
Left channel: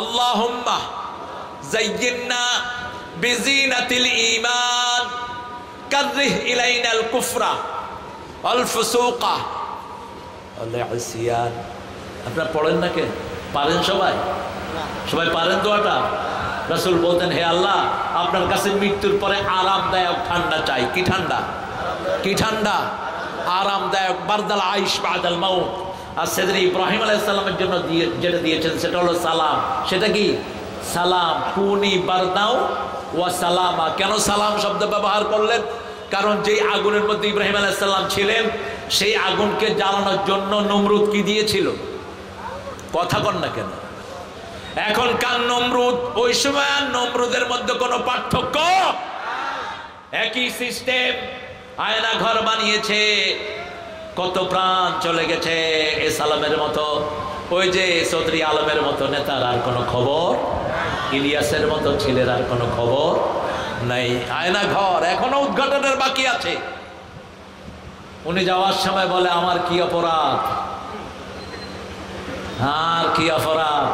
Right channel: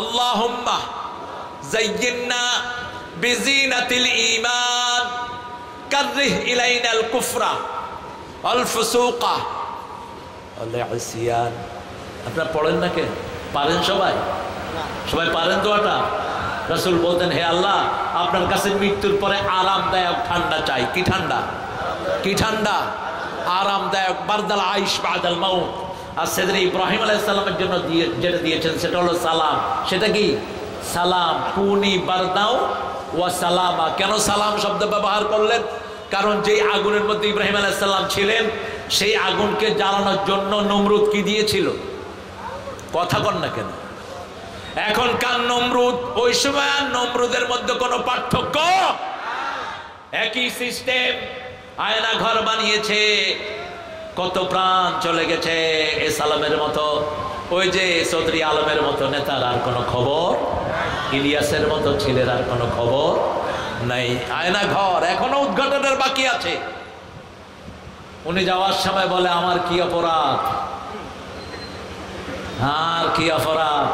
আল্লাহুম্মা যায়্যিননা বিজিনাতিল ঈমান কাররিহ ইলাইনাল কুফরা ওয়াল ফুসুকা ওয়াল ইসয়ান। আপনারা পড়েন না কেন? পারেন সবাই? সবাই পারেন দোয়াটা? রাসূল বলতেন, হে আল্লাহ, আপনার কাছে মৃত্যুর পরে আরামদায়ক ঠান্ডা চাই। কি ঠান্ডা? কি ঠান্ডা? আরামদায়ক, বারদাল আইশ বাদাল মাউত। আর সেদিন ইব্রাহিম আলাইহিস সালামের জন্য যেটা দিয়েছেন সেটা হলো সালাম। সেটা কি? সালাম। কুনি বারদাও ওয়া সালামা। কেন সালাম শব্দ ব্যবহার করলেন? কারণ যেই আগুনের মধ্যে ইব্রাহিম আলাইহিস সালাম ছিলেন, সেই আগুনকে জ্বালানোর জন্য নমরুদ কি দিয়েছিল? কথা কন না কেন? এখনকার নমরুদ ওই সময় নমরুদের মধ্যে কোনো পার্থক্য? একই সিস্টেম। আয়না ঘর বানিয়েছে, কত প্রাণ চলে গেছে। এ সালামের মতো, ওই যে চৌধুরী আলমের মতো নেতার আর কোনো খবর, ইলিয়াসের মতো ছেলের আর কোনো খবর নাই। আয়না ঘর এখনো উদ্ঘাটনের বাকি আছে। উনি যাওয়ার সময় বলে আমার কি অপরাধ, আর কি অপরাধ,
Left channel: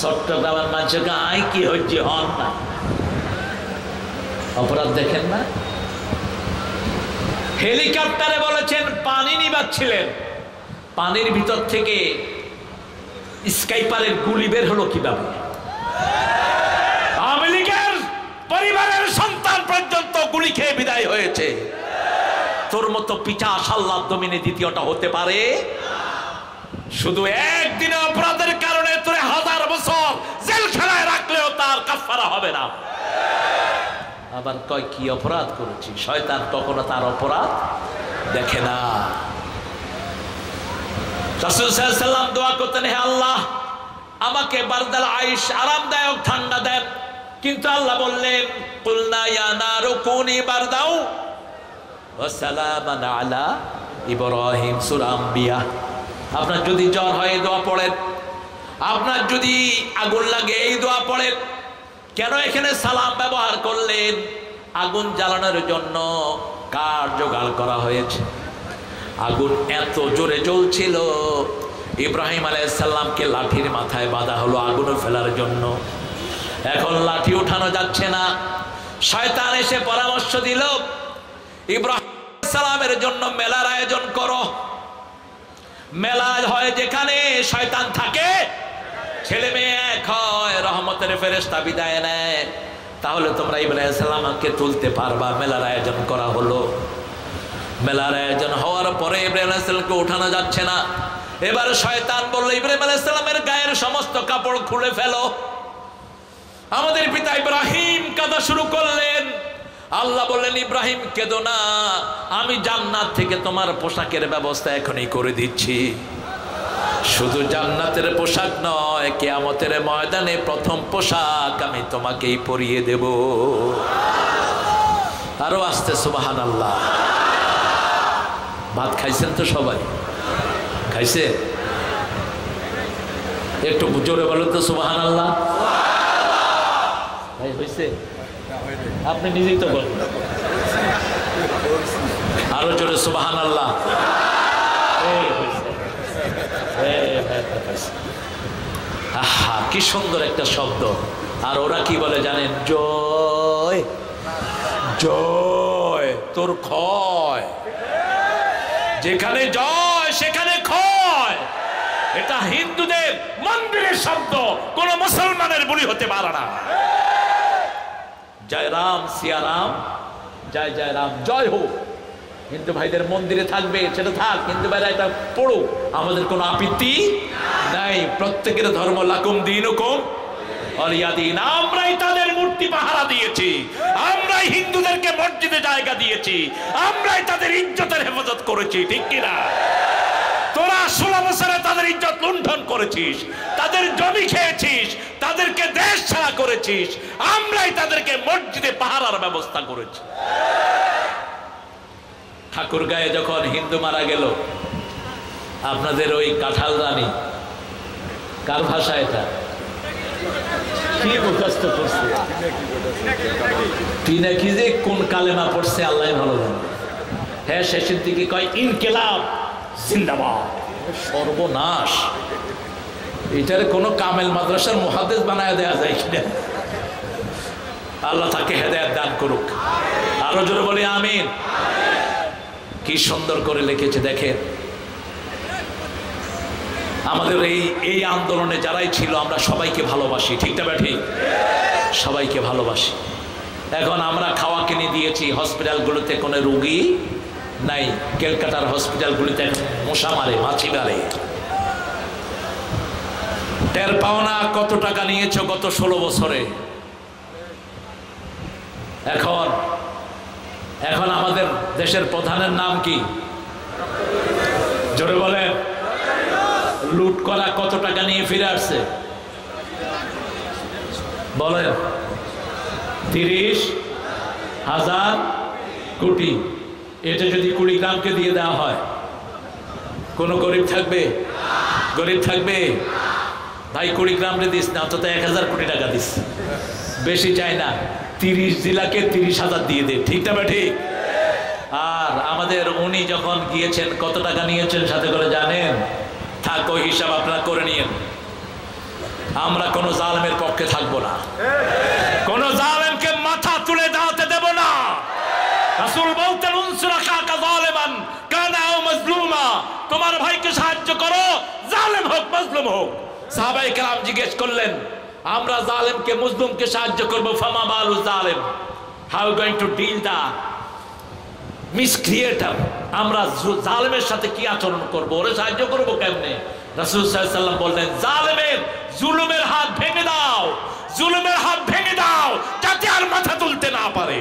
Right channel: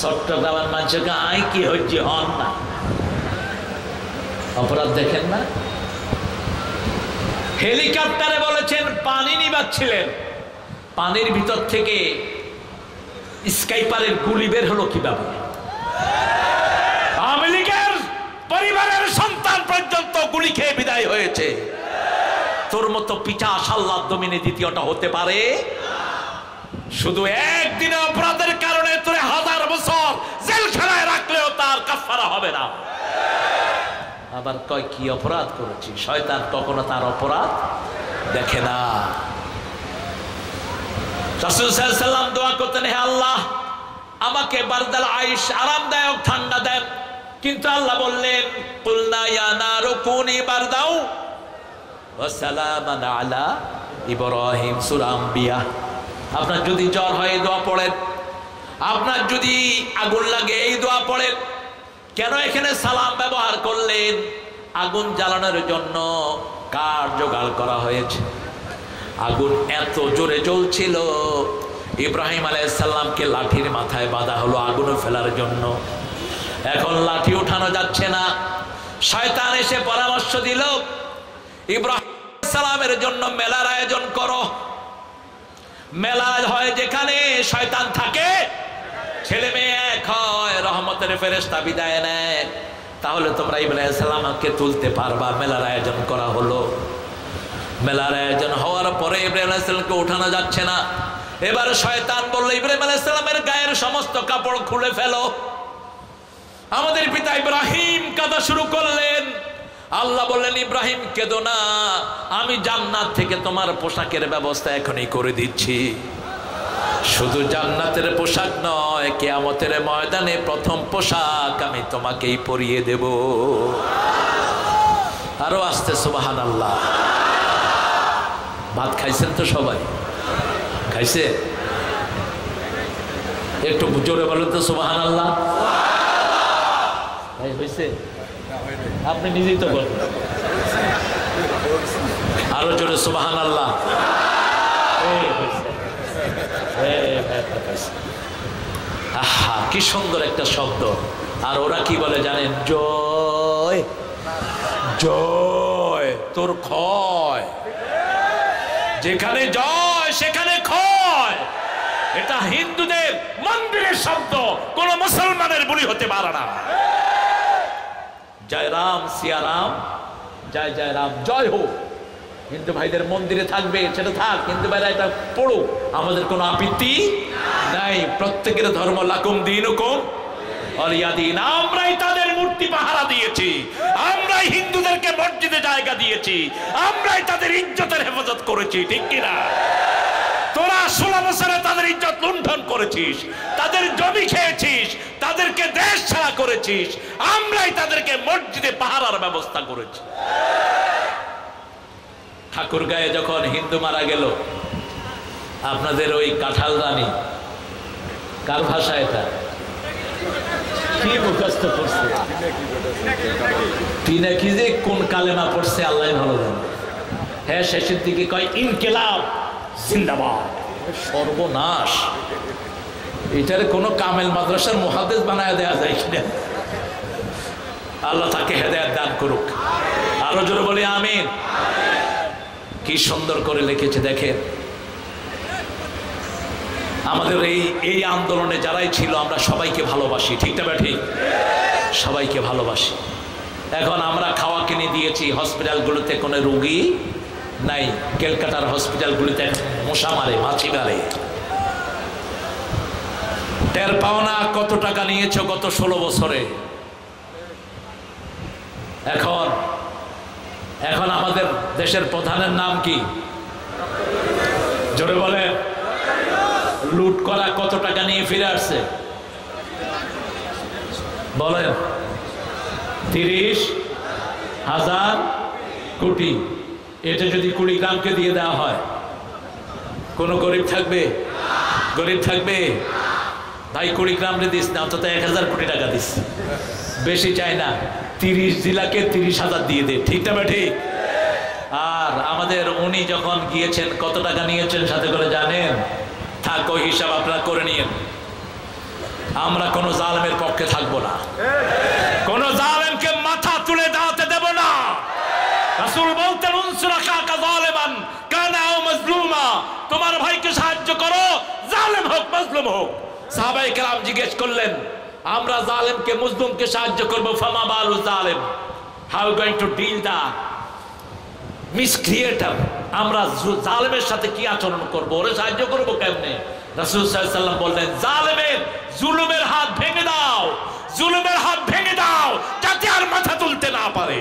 চট্টগ্রামের মানুষকে আই কি হচ্ছে হন না, অপরাধ দেখেন না। হেলিকপ্টারে বলেছেন পানি নিবাচ্ছিলেন, পানির ভিতর থেকে স্কাইপারের গুলি বের হলো কিভাবে? আওয়ামী লীগের পরিবারের সন্তান পর্যন্ত গুলি খেয়ে বিদায় হয়েছে। তোর মতো পিছাস আল্লাহর জমিনে দ্বিতীয়টা হতে পারে? শুধু একদিনে অপরাধের কারণে তোরে 1000 বছর জেলখানায় রাখলেও তার কাফারা হবে না। আবার কয় কি অপরাধ করেছি, শয়তান কখনো তার অপরাধ দেখে না। রাসূল সাল্লাল্লাহু আলাইহি ওয়াসাল্লাম দোয়া করতেন, হে আল্লাহ আমাকে বারদাল আইশ আরামদায়ক ঠান্ডা দেন, কিন্তু আল্লাহ বললেন কুলনা ইয়া নারু কুনি বারদাউ ওয়া সালামান আলা ইব্রাহিম, সূরা আম্বিয়া। আপনার যদি জ্বর হয় এই দোয়া পড়েন, আপনার যদি আগুন লাগে এই দোয়া পড়েন। কেন এখানে সালাম ব্যবহার করলেন? আগুন জ্বালানোর জন্য কাঠ জোগাড় করা হয়েছে। আগুন এত জোরে জ্বলছিল, ইব্রাহিম আলাইহিস সালামকে লাঠির মাথায় বাঁধা হলো আগুন ফেলার জন্য। এখন লাঠি উঠানো যাচ্ছে না। শয়তান এসে পরামর্শ দিল, ইব্রাহিম আলাইহিস সালামের জন্য মেলার আয়োজন করো। মেলা হয় যেখানে শয়তান থাকে, ছেলে মেয়ে এক হয়, রহমতের ফেরেশতা বিদায় নেয়, তাহলে তোমরা ইব্রাহিম আলাইহিস সালামকে তুলতে পারবা। মেলার আয়োজন করা হলো। মেলার আয়োজন হওয়ার পরে ইব্রাহিম আলাইহিস সালামকে উঠানো যাচ্ছে না। এবার শয়তান বলল, ইব্রাহিম আলাইহিস সালামের গায়ের সমস্ত কাপড় খুলে ফেলো। আমাদের পিতা ইব্রাহিম কাঁদা শুরু করলেন। আল্লাহ বললেন, ইব্রাহিম কেঁদো না, আমি জান্নাত থেকে তোমার পোশাকের ব্যবস্থা এখনই করে দিচ্ছি। শুধু জান্নাতের পোশাক নয়, কিয়ামতের ময়দানে প্রথম পোশাক আমি তোমাকেই পরিয়ে দেব। আরো আসতে সুবহানাল্লাহ। ভাত খাইছেন তো সবাই? খাইছে? একটু জোরে বলেন তো সুবহানাল্লাহ। ভাই হয়েছে? আপনি নিজেই তো বলেন, আরো জোরে সুবহানাল্লাহ। আহা কি সুন্দর একটা শব্দ। আর ওরা কি বলে জানেন? জয় জয় তোর ক্ষয়। যেখানে জয় সেখানে ক্ষয়। এটা হিন্দুদের মন্দিরের শব্দ, কোন মুসলমানের বলি হতে পারে না। জয় রাম সিয়া রাম, জয় জয় রাম, জয় হোক। হিন্দু ভাইদের মন্দিরে থাকবে, সেটা থাক, হিন্দু ভাইরা এটা পড়ুক, আমাদের কোনো আপত্তি নাই। প্রত্যেকের ধর্ম লাকুম দীনুকুম ওয়ালিয়া দীন। আমরাই তাদের মূর্তি পাহারা দিয়েছি, আমরাই হিন্দুদেরকে মসজিদে জায়গা দিয়েছি, আমরাই তাদের ইজ্জতের হেফাজত করেছি, ঠিক কিনা? তোরা 16 বছরে তাদের ইজ্জত লুণ্ঠন করেছিস, তাদের জমি খেয়েছিস, তাদেরকে দেশ ছাড়া করেছিস, আমরাই তাদেরকে মসজিদে পাহারার ব্যবস্থা করেছি। ঠাকুরগাঁয়ে যখন হিন্দু মারা গেল, আপনাদের ওই কাঁঠাল রানী, কার ভাষা এটা? কি মুখস্থ করছে? পিনাকি যে কোন কালেমা পড়ছে আল্লাহ ভালো জানে। হ্যাঁ, শেষের দিকে কয় ইনকিলাব জিন্দাবাদ। সর্বনাশ! এটার কোন কামেল মাদ্রাসার মুহাদ্দিস বানায় দেয়া যায় কিনা? আল্লাহ তাকে হেদায়েত দান করুক। আরো জোরে বলি আমিন। কি সুন্দর করে লিখেছে দেখেন। আমাদের এই আন্দোলনে যারাই ছিল আমরা সবাইকে ভালোবাসি, ঠিক না ঠিক? সবাইকে ভালোবাসি। এখন আমরা খাওয়া কিনে দিয়েছি, হসপিটালগুলোতে কোনো রোগী নাই। ক্যালকাটার হসপিটালগুলিতে মশা মারে, মাছি মারে। টের পাও না কত টাকা নিয়েছো গত 16 বছরে। এখন আমাদের দেশের প্রধানের নাম কি? জোরে বলে। লুট করা কত টাকা নিয়ে ফিরে আসছে বলেন? 30,000 কোটি। এটা যদি কুড়িগ্রামকে দিয়ে দেওয়া হয়, কোন গরিব থাকবে? গরিব থাকবে? ভাই কুড়িগ্রামে দিস না, অন্তত 1000 কোটি টাকা দিস, বেশি চাই না। 30 জেলাকে 30,000 দিয়ে দে, ঠিক না ঠিক? আর আমাদের উনি যখন গিয়েছেন কত টাকা নিয়েছেন সাথে করে জানেন? থাক, ওই হিসাব আপনারা করে নিয়েন। আমরা কোন জালেমের পক্ষে থাকবো না, কোন জালেমকে মাথা তুলে দাঁড়াতে দেব না। রাসূল বলতেন উনসুর আখাকা যালিমান কানা আও মাজলুমা, তোমার ভাইকে সাহায্য করো, জালেম হোক মাজলুম হোক। সাহাবায়ে কেরাম জিজ্ঞেস করলেন, আমরা জালেমকে মাজলুমকে সাহায্য করব, ফামা বালু জালেম, হাউ গোইং টু ডিল দা মিসক্রিয়েটর, আমরা জালেমের সাথে কি আচরণ করব, ওরে সাহায্য করব কেমনে? রাসূল সাল্লাল্লাহু আলাইহি ওয়াসাল্লাম বললেন, জালেমের জুলুমের হাত ভেঙে দাও, জুলুমের হাত ভেঙে দাও, যাতে আর মাথা তুলতে না পারে।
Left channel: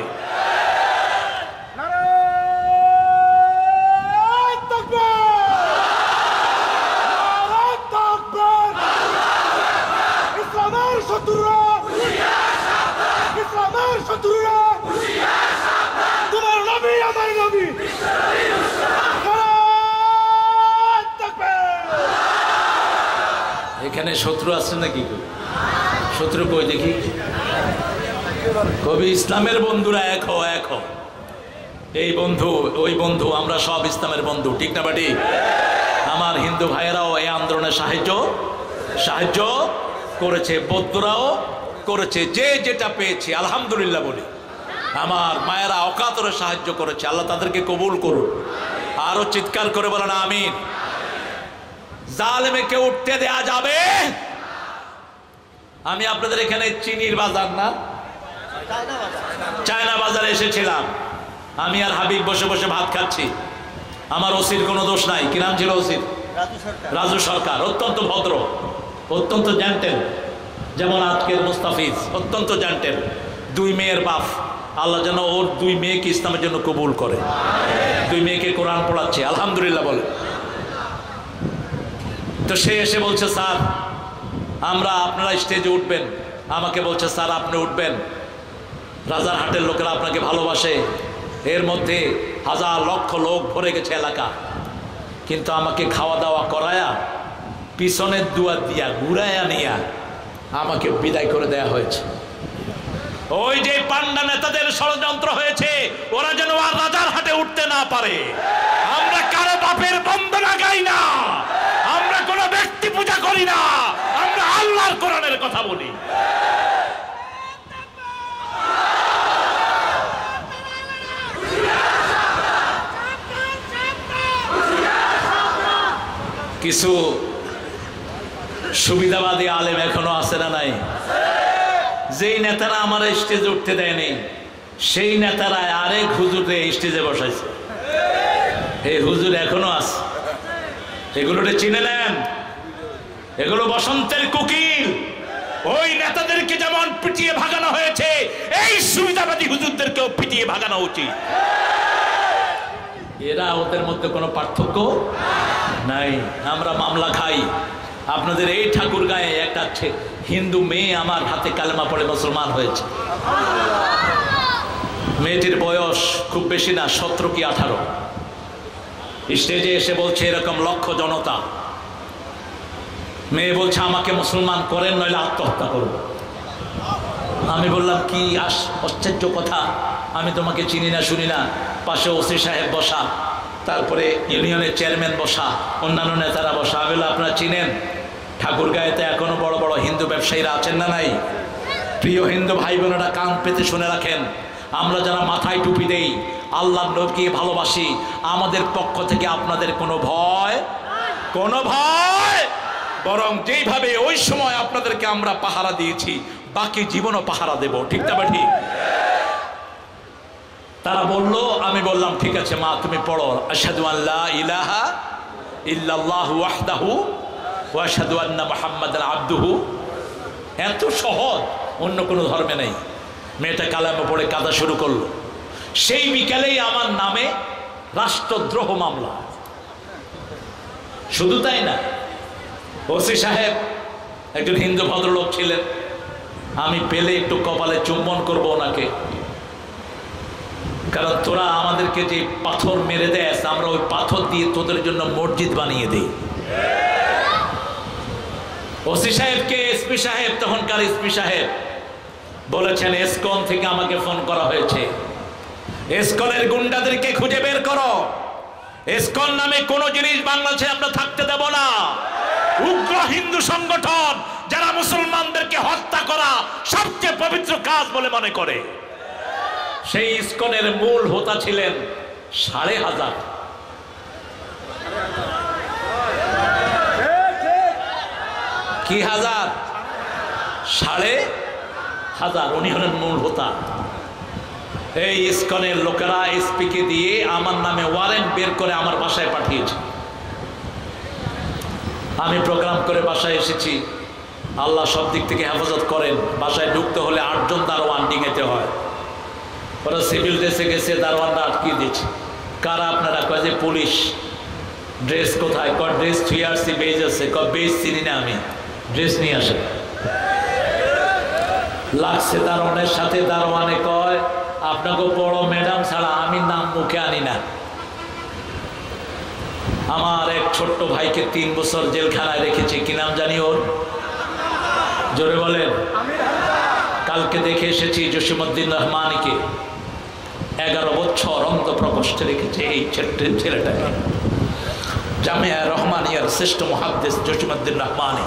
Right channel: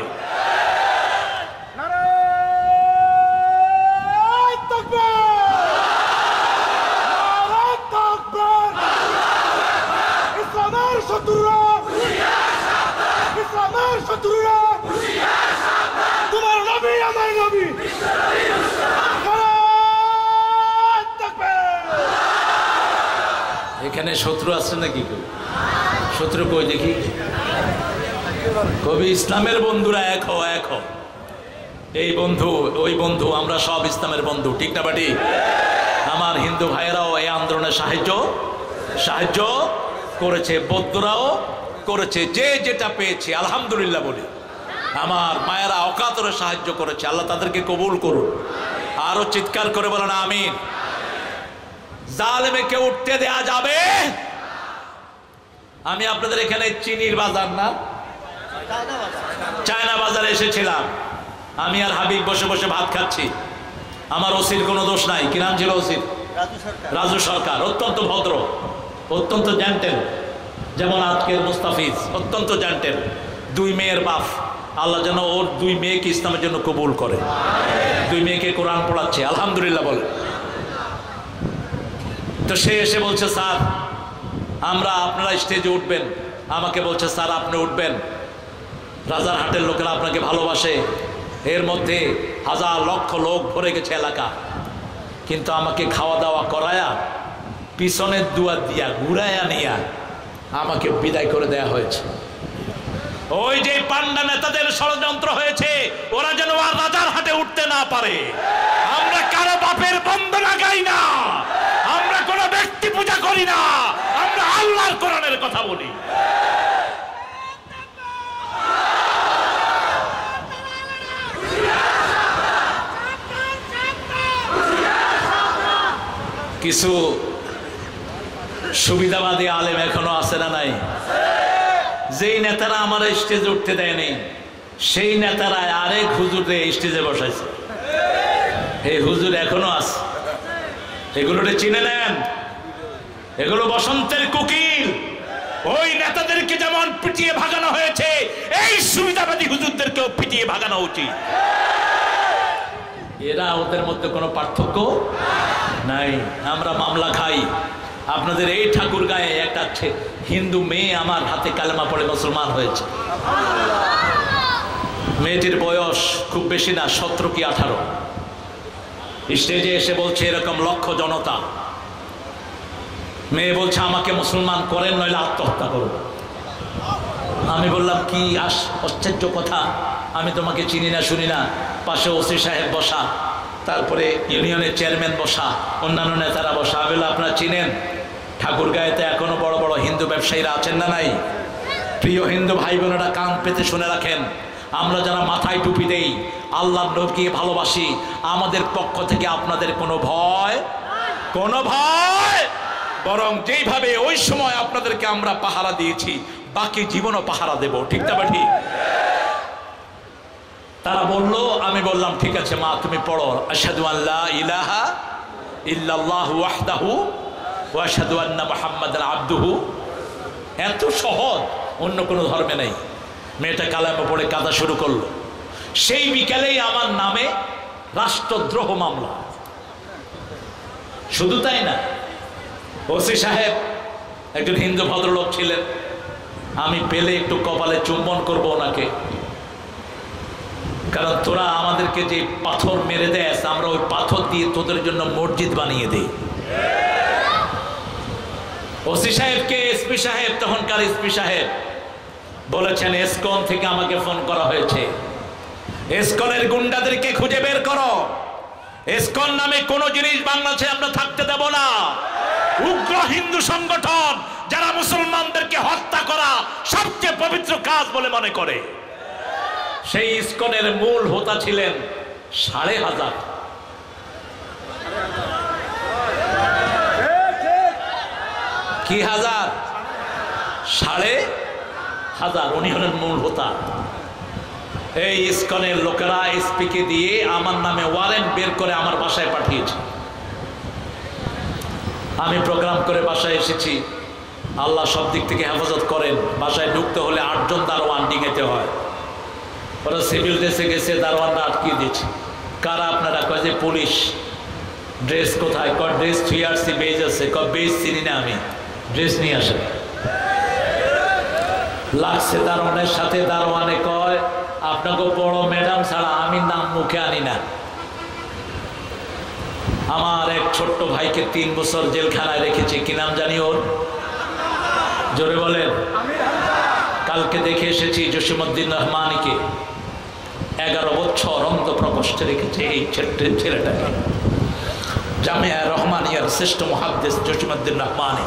তোমার নবী আমার নবী, এখানে শত্রু আছে নাকি? শত্রু কই দেখি? কবি ইসলামের বন্ধুরা এক হও, এক হও। এই বন্ধু ওই বন্ধু, আমরা সব ইসলামের বন্ধু, ঠিক না বাটি? আমার হিন্দু ভাইয়েরাও এই আন্দোলনে সাহায্য করেছে, বৌদ্ধরাও করেছে, যে যেটা পেয়েছে আলহামদুলিল্লাহ বলি। আমার মায়েরা অকাতরে সাহায্য করেছে, আল্লাহ তাদেরকে কবুল করুন। আরো চিৎকার করে বলেন আমিন। জালেমকে উঠতে দেয়া যাবে? আমি আপনাদের এখানে চিনির বাজার না চায়না বাজারে এসেছিলাম, আমি আর হাবিব বসে বসে ভাত খাচ্ছি। আমার ওসির কোনো দোষ নাই। কি নাম ছিল ওসির? রাজু সরকার। অত্যন্ত ভদ্র, অত্যন্ত জেন্টেল, যেমন আজকের মুস্তাফিজ অত্যন্ত জেন্টেল। দুই মেয়ের বাপ, আল্লাহ যেন ওর দুই মেয়েকে ইসলামের জন্য কবুল করে। দুই মেয়েকে কোরআন পড়াচ্ছে, আলহামদুলিল্লাহ বলে। তো সে এসে বলছে, স্যার আমরা, আপনারা স্টেজে উঠবেন। আমাকে বলছে, স্যার আপনি উঠবেন, রাজারহাটের লোকেরা আপনাকে ভালোবাসে, এর মধ্যে হাজার লক্ষ লোক ভরে গেছে এলাকা, কিন্তু আমাকে খাওয়া দাওয়া করায়া পিছনের দুয়ার দিয়া ঘুরাইয়া নিয়া আমাকে বিদায় করে দেয়া হয়েছে। ওই যে পান্ডা নেতাদের ষড়যন্ত্র হয়েছে, ওরা যেন আর রাজারহাটে উঠতে না পারে। আমরা কারো বাপের বন্দনা গাই না, আমরা কোনো ব্যক্তি পূজা করি না, আমরা আল্লাহর কোরআনের কথা বলি। কিছু সুবিধাবাদী আলেম এখনো আছে না নাই? যেই নেতারা আমার স্টেজে উঠতে দেয়নি, সেই নেতারা আরেক হুজুরে স্টেজে বসাইছে। এই হুজুর এখনো আছে, এগুলোকে চিনে নেন। এগুলো বসন্তের কোকিল। ওই নেতাদেরকে যেমন পিটিয়ে ভাগানো হয়েছে, এই সুবিধাবাদী হুজুরদেরকেও পিটিয়ে ভাগানো উচিত। এরা ওদের মধ্যে কোনো পার্থক্য নাই। আমরা মামলা খাই। আপনাদের এই ঠাকুর গায়ে একটা হিন্দু মেয়ে আমার হাতে কালেমা পড়ে মুসলমান হয়েছে। মেয়েটির বয়স খুব বেশি না, 17 কি 18। স্টেজে এসে বলছে এরকম লক্ষ জনতা, মেয়ে বলছে আমাকে মুসলমান করেন নইলে আত্মহত্যা করব। আমি বললাম কি আশ্চর্য কথা, আমি তোমাকে চিনি না শুনি না। পাশে ওসি সাহেব বসা, তারপরে ইউনিয়নের চেয়ারম্যান বসা, অন্যান্য নেতারা বসা। আমি বললাম আপনারা চিনেন? ঠাকুর গায়েতে এখনো বড় বড় হিন্দু ব্যবসায়ীরা আছেন না নাই? প্রিয় হিন্দু ভাই বোনেরা কান পেতে শুনে রাখেন, আমরা যারা মাথায় টুপি দেই, আল্লাহর নবীকে ভালোবাসি, আমাদের পক্ষ থেকে আপনাদের কোনো ভয় বরং যেইভাবে ওই সময় আপনাদেরকে আমরা পাহারা দিয়েছি, বাকি জীবনও পাহারা দেব, ঠিক না ঠিক? তারা বলল, আমি বললাম ঠিক আছে মা তুমি পড়ো, আশহাদু আল্লা ইলাহা ইল্লাল্লাহু ওয়াহদাহু ওয়া আশহাদু আন্না মুহাম্মাদান আবদুহু। এত সহজ, অন্য কোনো ধর্মে নেই। মেয়েটা কালেমা পড়ে কাঁদা শুরু করলো। সেই বিকালেই আমার নামে রাষ্ট্রদ্রোহ মামলা। শুধু তাই না, ওসি সাহেব একজন হিন্দু ভদ্রলোক ছিলেন, আমি পেলে একটু কপালে চুম্বন করব ওনাকে, কারণ তোরা আমাদেরকে যে পাথর মেরে দেয়, আমরা ওই পাথর দিয়ে তোদের জন্য মসজিদ বানিয়ে দিই। ওসি সাহেবকে এসপি সাহেব, তখনকার এসপি সাহেব বলেছেন এসকন থেকে আমাকে ফোন করা হয়েছে, ইসকনের গুন্ডাদেরকে খুঁজে বের করো। ইসকন নামে কোন জিনিস বাংলাদেশে আমরা থাকতে দেব না। উগ্র হিন্দু সংগঠন যারা মুসলমানদেরকে হত্যা করা সবচেয়ে পবিত্র কাজ বলে মনে করে। সেই ইসকনের মূল হোতা ছিলেন 5,500। কি হাজার? 5,500। উনি হলেন মূল হোতা। এই ইসকনের লোকেরা এসপি কে দিয়ে আমার নামে ওয়ারেন্ট বের করে আমার বাসায় পাঠিয়েছে। আমি প্রোগ্রাম করে বাসায় এসেছি। আল্লাহ সব দিক থেকে হেফাজত করেন। বাসায় ঢুকতে হলে 8 জন দারোয়ান ডিঙেতে হয়। ওরা সিভিল ড্রেসে গেছে, দারোয়ানরা আটকিয়ে দিয়েছে। কারা আপনারা? কয় যে পুলিশ। ড্রেস কোথায়? কয় ড্রেস থুয়ে আসছি, বেজ আছে। কয় বেজ চিনি না আমি, ড্রেস নিয়ে আসে। লাগছে দারোয়ানের সাথে। দারোয়ানে কয় আপনাকে বড় ম্যাডাম ছাড়া আমি নাম মুখে আনি না। আমার এক ছোট্ট ভাইকে 3 বছর জেলখানায় রেখেছে। কি নাম জানি ওর? জোরে বলেন। কালকে দেখে এসেছি জসিমউদ্দিন রহমানীকে 11 বছর অন্ধ প্রকোষ্ঠে রেখেছে। এই ছেলেটাকে জামিয়া রহমানিয়ার শ্রেষ্ঠ মুহাদ্দিস জসিমউদ্দিন রহমানী,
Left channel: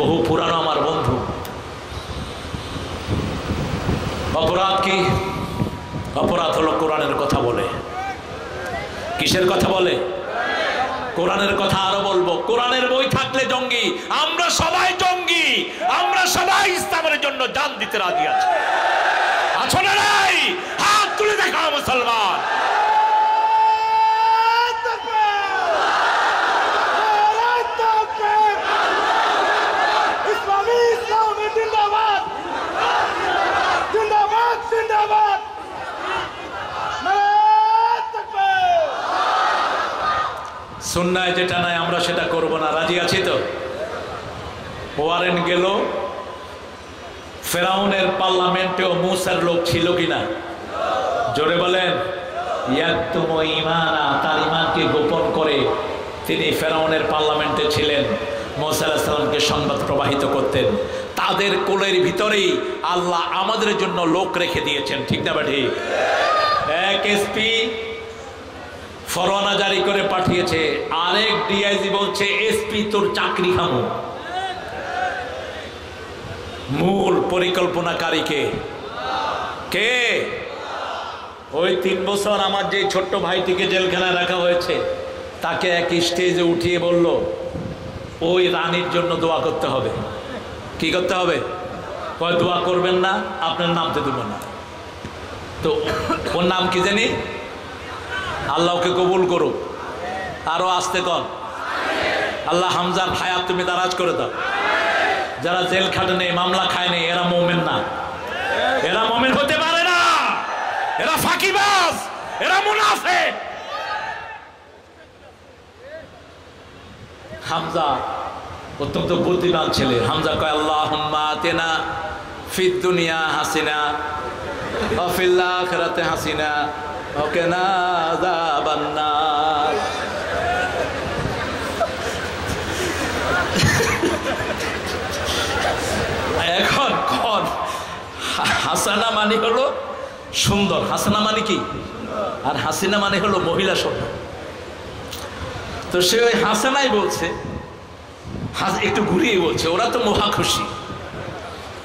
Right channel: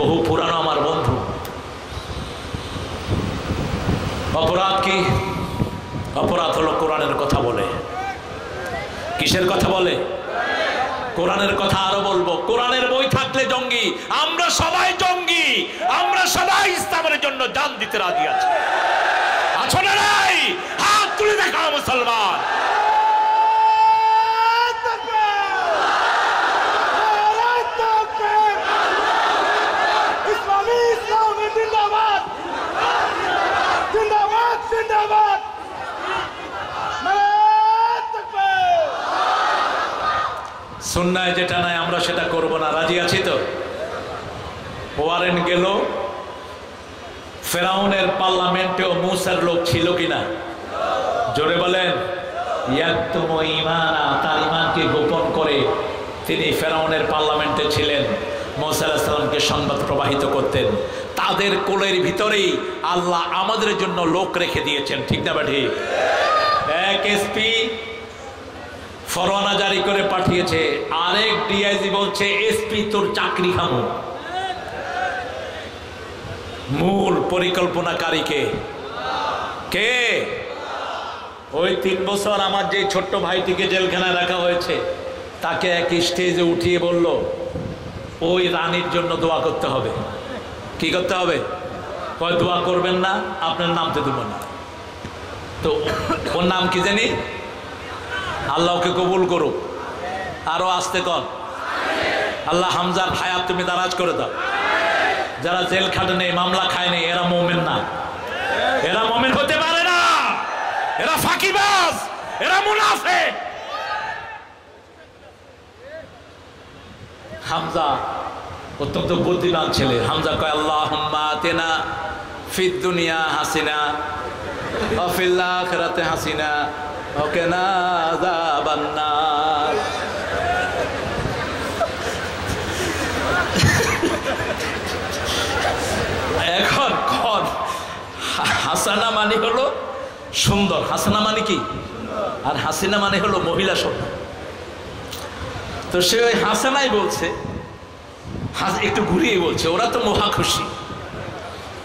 বহু পুরানো আমার বন্ধু। অপরাধ কি? অপরাধ হলো কোরআনের কথা বলে। কিসের কথা বলে? কোরআনের কথা। আরো বলবো, কোরআনের বই থাকলে জঙ্গি। আমরা সবাই জঙ্গি। আমরা সবাই ইসলামের জন্য জান দিতে রাজি আছি। আছো না নাই? হাত তুলে দেখাও মুসলমান। সুন্নায় যেটা নাই আমরা সেটা করব না। রাজি আছি তো? ওয়ারেন্ট গেল। ফেরাউনের পার্লামেন্টেও মুসার লোক ছিল কিনা? জোরে বলেন। ইয়াকতুম ঈমানা, তার ঈমানকে গোপন করে তিনি ফেরাউনের পার্লামেন্টে ছিলেন। মুসা আলাইহিস সালামকে সংবাদ প্রবাহিত করতেন। তাদের কোলের ভিতরেই আল্লাহ আমাদের জন্য লোক রেখে দিয়েছেন। ঠিক না ঠিক? এক এসপি ফরমানা জারি করে পাঠিয়েছে, আরেক ডিআইজি বলছে এসপি তোর চাকরি খামো। মূল পরিকল্পনাকারী কে? কে? ওই 3 বছর আমার যে ছোট্ট ভাইটিকে জেলখানায় রাখা হয়েছে, তাকে এক স্টেজে উঠিয়ে বলল ওই রানীর জন্য দোয়া করতে হবে। কি করতে হবে? কয় দোয়া করবেন না, আপনার নামতে দেব না। তো ওর নাম কি জানি? আল্লাহকে কবুল করুক। আরো আসতে কন। আল্লাহ হামজার হায়াত তুমি দারাজ করে দাও। যারা জেল খাটে নেই, মামলা খায় নেই, এরা মুমিন না। এরা মুমিন হতে পারে না। এরা ফাঁকিবাজ, এরা মুনাফিক। হামজা অত্যন্ত বুদ্ধিমান ছেলে। হামজা কয় আল্লাহুম্মা আতিনা ফিদ দুনিয়া হাসিনা ওয়া ফিল আখিরাতি হাসিনা ওয়া কিনা আযাবান নার। এখন কোন হাসানা মানে হলো সুন্দর। হাসানা মানে কি? আর হাসিনা মানে হলো মহিলা শব্দ। তো সে ওই হাসানাই বলছে, একটু ঘুরিয়ে বলছে। ওরা তো মহা খুশি।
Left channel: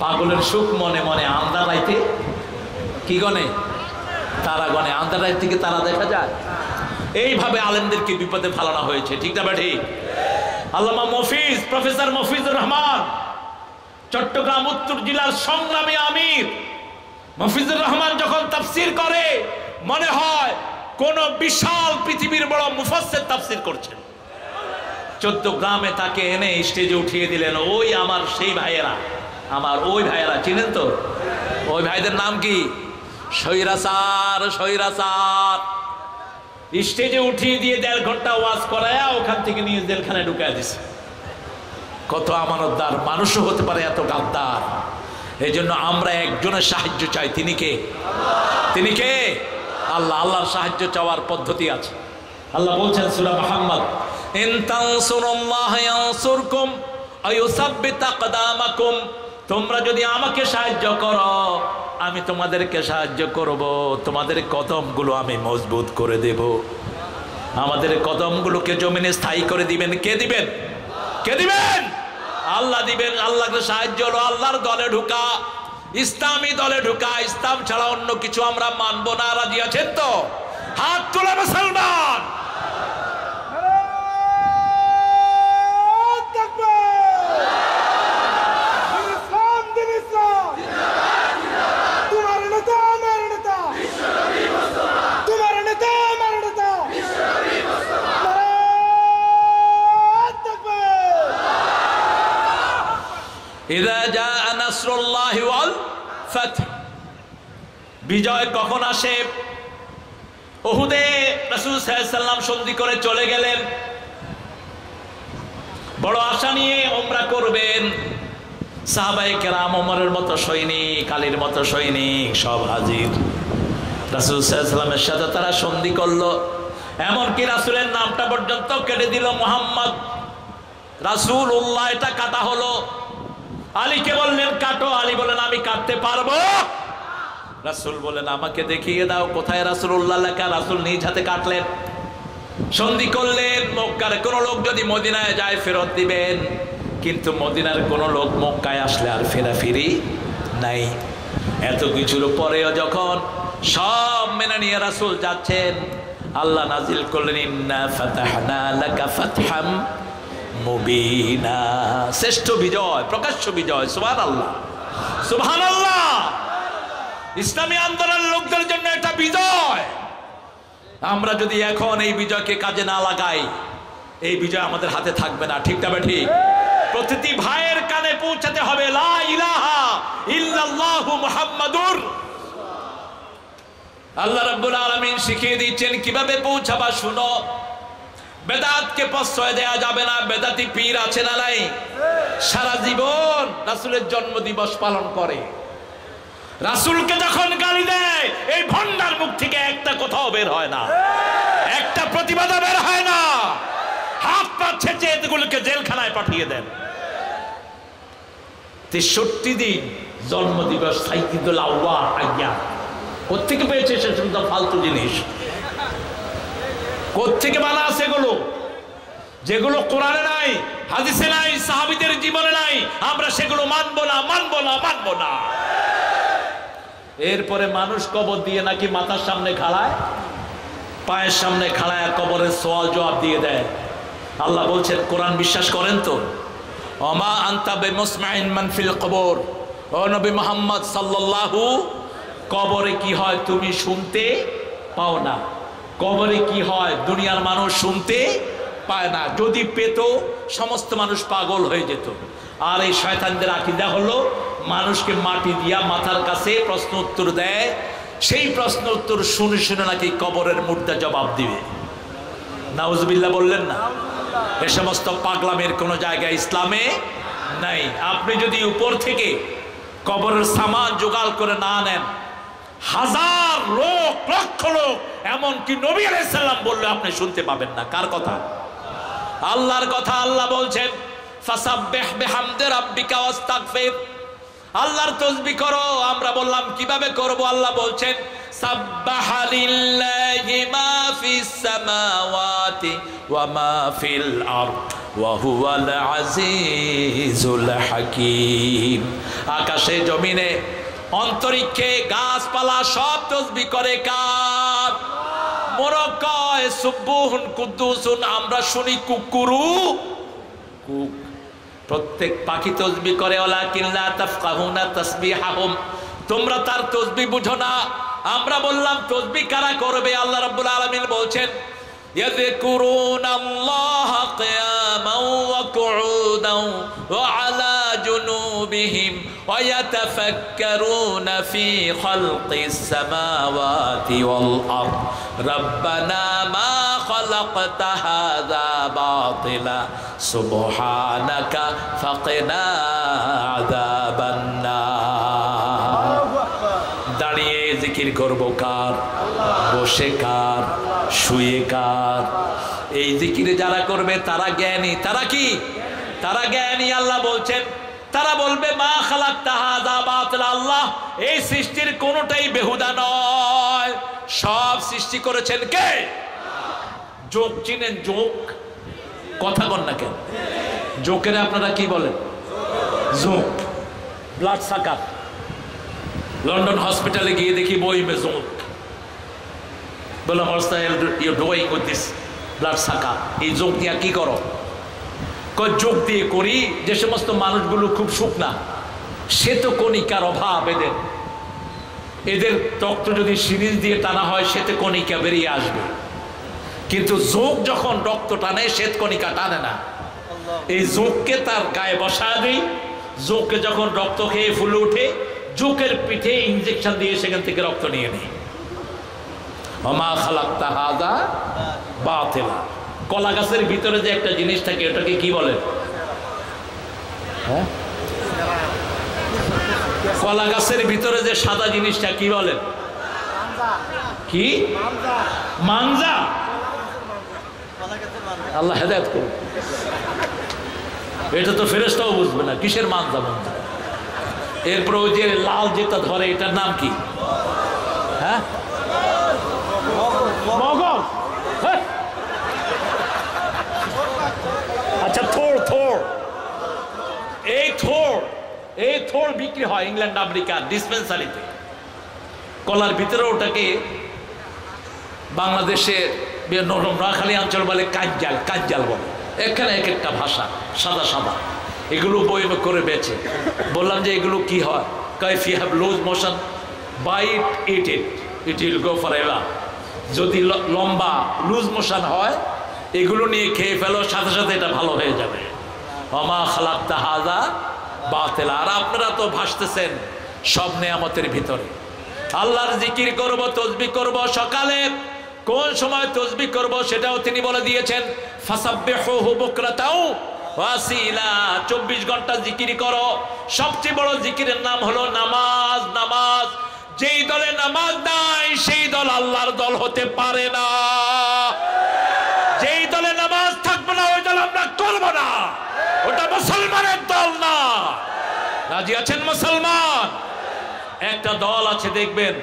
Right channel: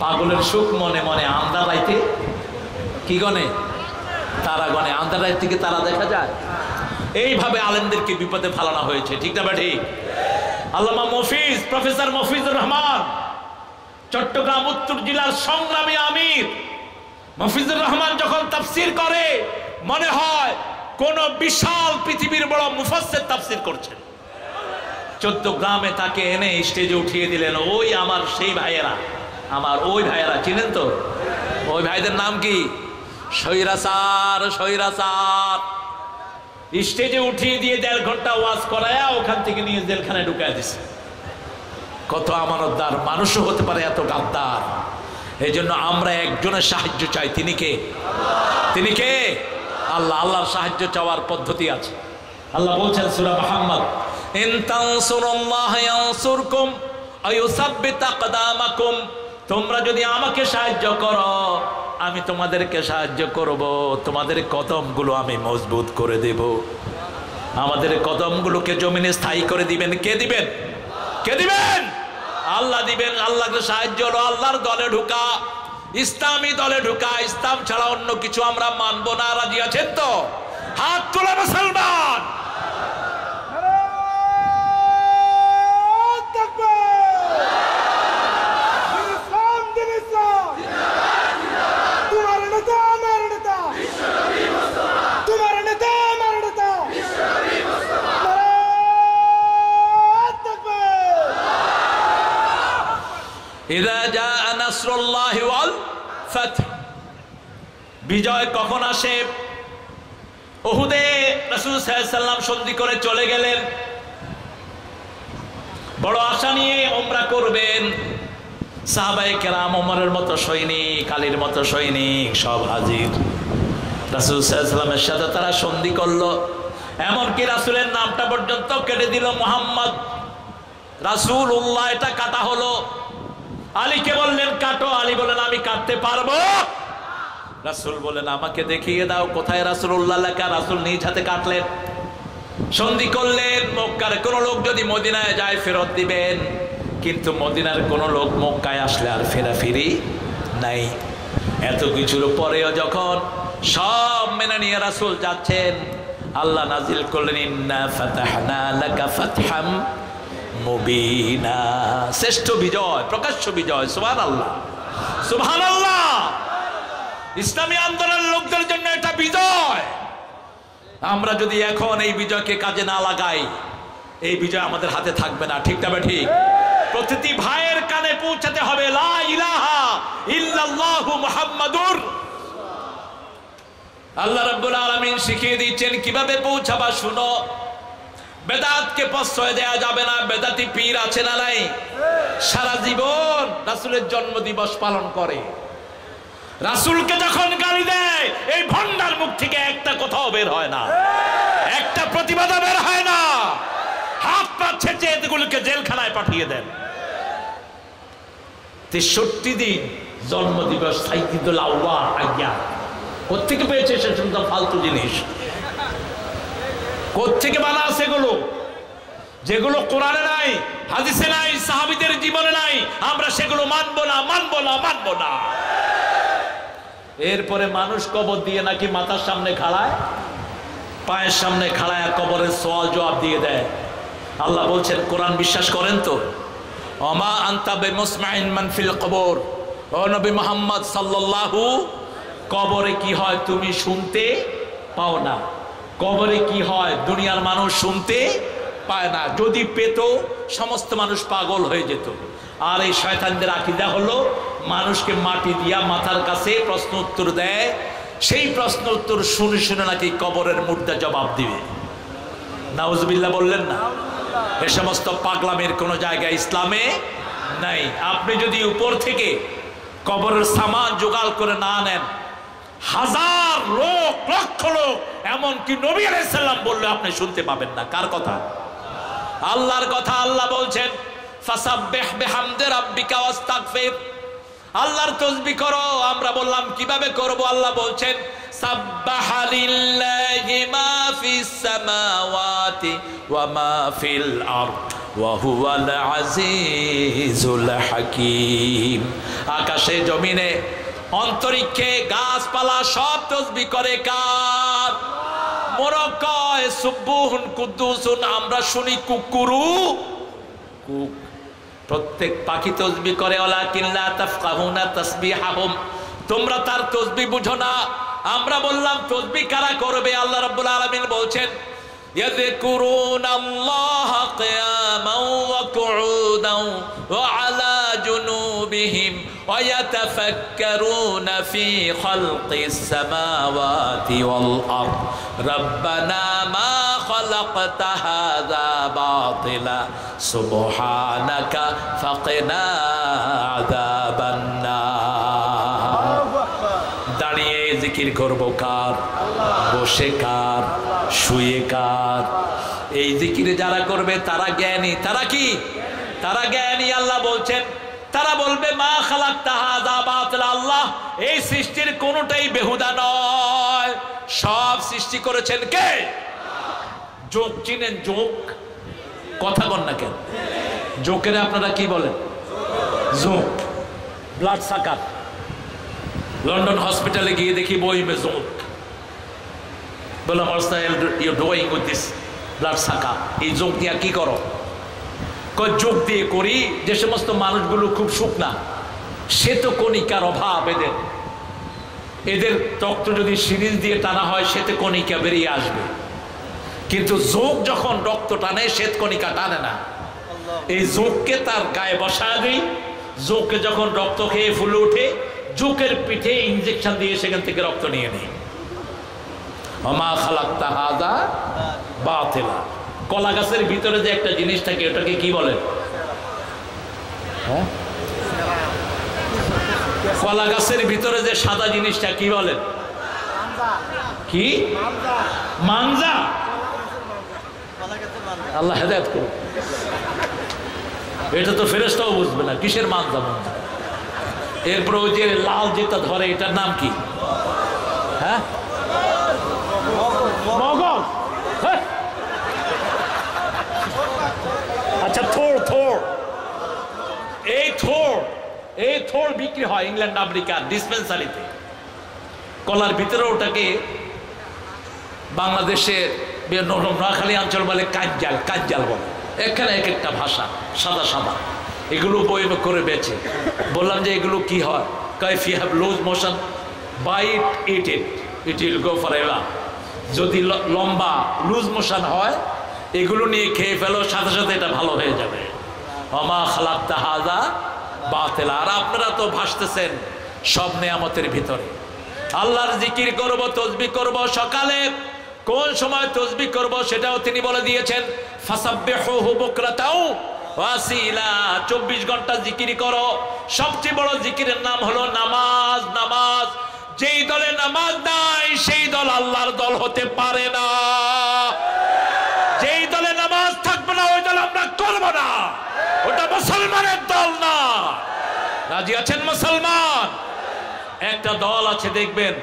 পাগলের সুখ মনে মনে আন্ধার রাইতে কি গনে? তারা গনে। আন্ধার রাইত থেকে তারা দেখা যায়। এইভাবে আলেমদেরকে বিপদে ফেলানো হয়েছে। ঠিক না ঠিক? আল্লামা মফিজ, প্রফেসর মফিজুর রহমান, চট্টগ্রাম উত্তর জেলার সংগ্রামী আমির মফিজুর রহমান যখন তাফসির করে মনে হয় কোন বিশাল পৃথিবীর বড় মুফাসসির তাফসির করছেন। 14 গ্রামে তাকে এনে স্টেজে উঠিয়ে দিলেন। ওই আমার সেই ভাইয়েরা, আমার ওই ভাইয়েরা, চিনেন তো? ওই ভাইদের নাম কি? সৈরাচার। সৈরাচার স্টেজে উঠিয়ে দিয়ে 1.5 ঘন্টা ওয়াজ করায়া ওখান থেকে নিয়ে জেলখানায় ঢুকায় দিছে। কত আমানতদার মানুষও হতে পারে এত গাদ্দার। এই জন্য আমরা একজনের সাহায্য চাই। তিনি কে? তিনি কে? আল্লাহ। আল্লাহর সাহায্য চাওয়ার পদ্ধতি আছে। আল্লাহ বলছেন সূরা মুহাম্মদ, ইন তানসুরুল্লাহ ইয়ানসুরকুম ওয়া ইউসাব্বিত আকদামাকুম। তোমরা যদি আমাকে সাহায্য করো আমি তোমাদেরকে সাহায্য করব, তোমাদের কদমগুলো আমি মজবুত করে দেব। আমাদের কদমগুলোকে জমিনে স্থায়ী করে দিবেন কে দিবেন? কে দিবেন? আল্লাহ দিবেন। আল্লাহকে সাহায্য হলো আল্লাহর দলে ঢুকা, ইসলামী দলে ঢুকা। ইসলাম ছাড়া অন্য কিছু আমরা মানবো না। রাজি আছেন তো? হাত তোলা মুসলমান। ইযা জাআ নাসরুল্লাহি ওয়াল ফাতহ, বিজয় কখন আসে? উহুদে রাসূল সাল্লাল্লাহু আলাইহি ওয়াসাল্লাম সন্ধি করে চলে গেলেন, বড় আশা নিয়ে উমরা করবেন। সাহাবায়ে কেরাম, ওমরের মতো সৈনিক, আলীর মতো সৈনিক সব হাজির। রাসূল সাল্লাল্লাহু আলাইহি ওয়াসাল্লামের সাথে তারা সন্ধি করলো, এমনকি রাসূলের নামটা পর্যন্ত কেটে দিল, মুহাম্মদ রাসূলুল্লাহ। এটা কাটা হলো। আলীকে বললেন কাটো, আলী বলেন আমি কাটতে পারবো। রাসূল বলেন আমাকে দেখিয়ে দাও কোথায় রাসূলুল্লাহ লেখা। রাসূল নিজ হাতে কাটলেন, সন্ধি করলেন। মক্কার কোন লোক যদি মদিনায় যায় ফেরত দিবেন, কিন্তু মদিনার কোন লোক মক্কায় আসলে আর ফেরাফিরি নাই। এত কিছুর পরেও যখন সব মেনে নিয়ে রাসূল যাচ্ছেন, আল্লাহ নাজিল করলেন ইন্না ফাতাহনা লাকা ফাতহাম মুবিনা, শ্রেষ্ঠ বিজয়, প্রকাশ্য বিজয়। সুবহানাল্লাহ, সুবহানাল্লাহ। ইসলামী আন্দোলনের লোকদের জন্য এটা বিজয়। আমরা যদি এখন এই বিজয়কে কাজে না লাগাই, এই বিজয় আমাদের হাতে থাকবে না। ঠিক না ঠিক? প্রতিটি ভাইয়ের কানে পৌঁছাতে হবে লা ইলাহা ইল্লাল্লাহু মুহাম্মাদুর। আল্লাহ রাব্বুল আলামিন শিখিয়ে দিচ্ছেন কিভাবে পৌঁছাবা। শুনো, বেদাতকে প্রশ্রয় দেয়া যাবে না। বেদাতি পীর আছে না নাই? সারা জীবন রাসূলের জন্ম দিবস পালন করে, রাসূলকে যখন গালি দেয় এই ভণ্ডার মুখ থেকে একটা কথাও বের হয় না, একটা প্রতিবাদ বের হয় না। হাত পা ছেঁচে এগুলোকে জেলখানায় পাঠিয়ে দেন। 63 দিন জন্ম দিবস, সাইয়্যিদুল আউয়াল আইয়াম। কোত্থেকে পেয়েছে সে সুন্দর ফালতু জিনিস? কোত্থেকে বানা আছে এগুলো? যেগুলো কোরআনে নাই, হাদিসে নাই, সাহাবীদের জীবনে নাই, আমরা সেগুলো মানবো না, মানবো না, মানবো না। এরপরে মানুষ কবর দিয়ে নাকি মাথার সামনে খাড়ায়, পায়ের সামনে খাড়ায় কবরের সওয়াল জবাব দিয়ে দেয়। আল্লাহ বলছেন, কোরআন বিশ্বাস করেন তো? ওমা আনতা বিমুসমাইন মান ফিল কবর। ও নবী মুহাম্মদ সাল্লাল্লাহু, কবরে কি হয় তুমি শুনতে পাও না। কবরে কি হয় দুনিয়ার মানুষ শুনতে পায় না। যদি পেত সমস্ত মানুষ পাগল হয়ে যেত। আর এই শয়তানদের আকীদা হলো মানুষকে মাটি দিয়া মাথার কাছে প্রশ্ন উত্তর দেয়, সেই প্রশ্ন উত্তর শুনে শুনে নাকি কবরের মুর্দা জবাব দিবে। নাউজুবিল্লাহ বললেন না? এ সমস্ত পাগলামের কোনো জায়গায় ইসলামে নাই। আপনি যদি উপর থেকে কবরের সামান জোগাড় করে না নেন, হাজার লোক, লক্ষ লোক, এমনকি নবী আলাইহিস সালাম বললে আপনি শুনতে পাবেন না। কার কথা? আল্লাহর কথা। আল্লাহ বলছেন ফাসাব্বিহ বিহামদি রাব্বিকা ওয়াস্তাগফির, আল্লাহর তাসবিহ করো। আমরা বললাম কিভাবে করব? আল্লাহ বলছেন সাব্বাহা লিল্লাহি মা ফিস সামাওয়াতি ওয়া মা ফিল আরদ ওয়া হুয়াল আজিজুল হাকীম। আকাশে জমিনে অন্তরিক্ষে গাছপালা সব তাসবিহ করে কার? মোরগ কয় সুবহুন কুদ্দুসুন, আমরা শুনি কুকুরু কুক। প্রত্যেক পাখি তাসবিহ করে, ওয়ালাকিন লা তাফকাহুনা তাসবিহাহুম, তোমরা তার তাসবিহ বুঝো না। আমরা বললাম তাসবিহ কারা করবে? আল্লাহ রাব্বুল আলামিন বলছেন ইয়াযকুরুনাল্লাহা কিয়ামান ওয়া কুউদান ওয়া আলা জুনুবিহিম ওয়া ইয়াতাফাক্কারুনা ফি খালকিস সামাওয়াতি ওয়াল আরদ রাব্বানা মা খালাকতা হাযা বাতিলা সুবহানাকা ফাকিনা আযাবান নার। দাঁড়িয়ে জিকির করব কার? বসে কার? শুয়ে কার? এই জিকিরে যারা করবে তারা জ্ঞানী। তারা কি? তারা জ্ঞানী। আল্লাহ বলছেন তারা বলবে মা খালাকতা হাযা বাতিলা, আল্লাহ এই সৃষ্টির কোনোটাই বেহুদা নয়, সব সৃষ্টি করেছেন কে? যোগ চিনেন? যোগ কথা বল না কেন? যোগের আপনারা কি বলেন? যোগ, ব্লাড সাকার। লন্ডন হসপিটালে গিয়ে দেখি বই মে যোগ, বললাম you doing with this blood sucker, এই যোগ দিয়ে কি করো? যোগ দিয়ে করি যে সমস্ত মানুষগুলো খুব শুকনা, শ্বেত কণিকার অভাব এদের, এদের রক্ত যদি সিরিজ দিয়ে টানা হয় শ্বেত কণিকা বেরিয়ে আসবে, কিন্তু যোগ যখন রক্ত টানে শ্বেত কণিকা টানে না। এই যোগকে তার গায়ে বসা দিই, যোগকে যখন রক্ত খেয়ে ফুলে ওঠে যোগের পিঠে ইঞ্জেকশন দিয়ে সেখান থেকে রক্ত নিয়ে নেই। ওমা খালাকতা হাযা বাতিলা। কলা গাছের ভিতরে যে একটা জিনিস থাকে ওটাকে কি বলে? হ্যাঁ, কলা গাছের ভিতরে যে সাদা জিনিসটা কি বলেন? কি? মানজা। আল্লাহ হেদায়েত করুন। এটা তো ফেরেশতাও বুঝবে না কিসের মানজা। মানজা এরপর ওই যে লাল যেটা ধরে এটার নাম কি? হ্যাঁ, মগজ। আচ্ছা, থোড়। থোড়, এই থোড় বিক্রি হয় ইংল্যান্ড আমেরিকার ডিসপেন্সারিতে। কলার ভিতরে ওটাকে বাংলাদেশে নোয়াখালী অঞ্চল বলে কাজ্জাল বলে, এখানে এক একটা ভাষা, সাদা সাদা। এগুলো বই করে বেচে। বললাম যে এগুলো কি হয়? If you have loose motion bite it will go forever. যদি লম্বা লুজ মোশন হয় এগুলো নিয়ে খেয়ে ফেলো, সাথে সাথে এটা ভালো হয়ে যাবে। ওমা খালাকতা হাযা বাতিলা। আর আপনারা তো ভাসতেছেন সব নেয়ামতের ভিতরে। আল্লাহর জিকির করব, তসবিহ করব। সকালে কোন সময় তসবিহ করব সেটাও তিনি বলে দিয়েছেন, ফাসাব্বিহুহু বুকরাতাও ওয়াসিলা। 24 ঘন্টা জিকির করো। সবচেয়ে বড় জিকিরের নাম হলো নামাজ। নামাজ, যেই দলে নামাজ নাই সেই দল আল্লাহর দল হতে পারে না। যেই দলে নামাজ থাকবে না ওই দল আমরা করব না, ওটা মুসলমানের দল না। রাজি আছেন মুসলমান? একটা দল আছে দেখবেন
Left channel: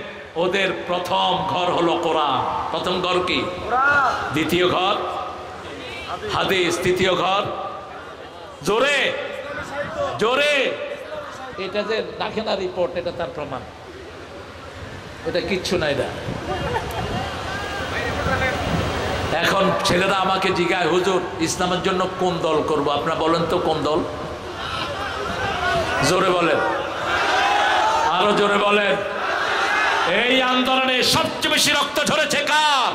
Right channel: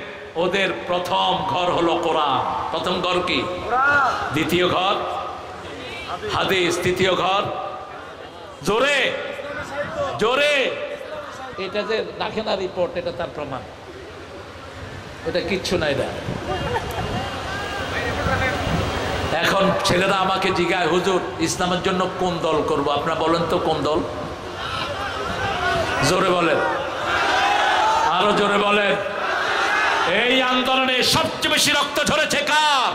ওদের প্রথম ঘর হলো কোরআন। প্রথম ঘর কি? দ্বিতীয় ঘর হাদিস, তৃতীয় ঘর জোরে জোরে। এটা যে রাখে না রিপোর্ট, এটা তার প্রমাণ। এটা কিচ্ছু নাই। এটা এখন ছেলেরা আমাকে জিজ্ঞাসা, হুজুর ইসলামের জন্য কোন দল করব? আপনারা বলেন তো কোন দল? জোরে বলেন, আরো জোরে বলেন। এই আন্দোলনে সবচেয়ে বেশি রক্ত ঝরেছে কার?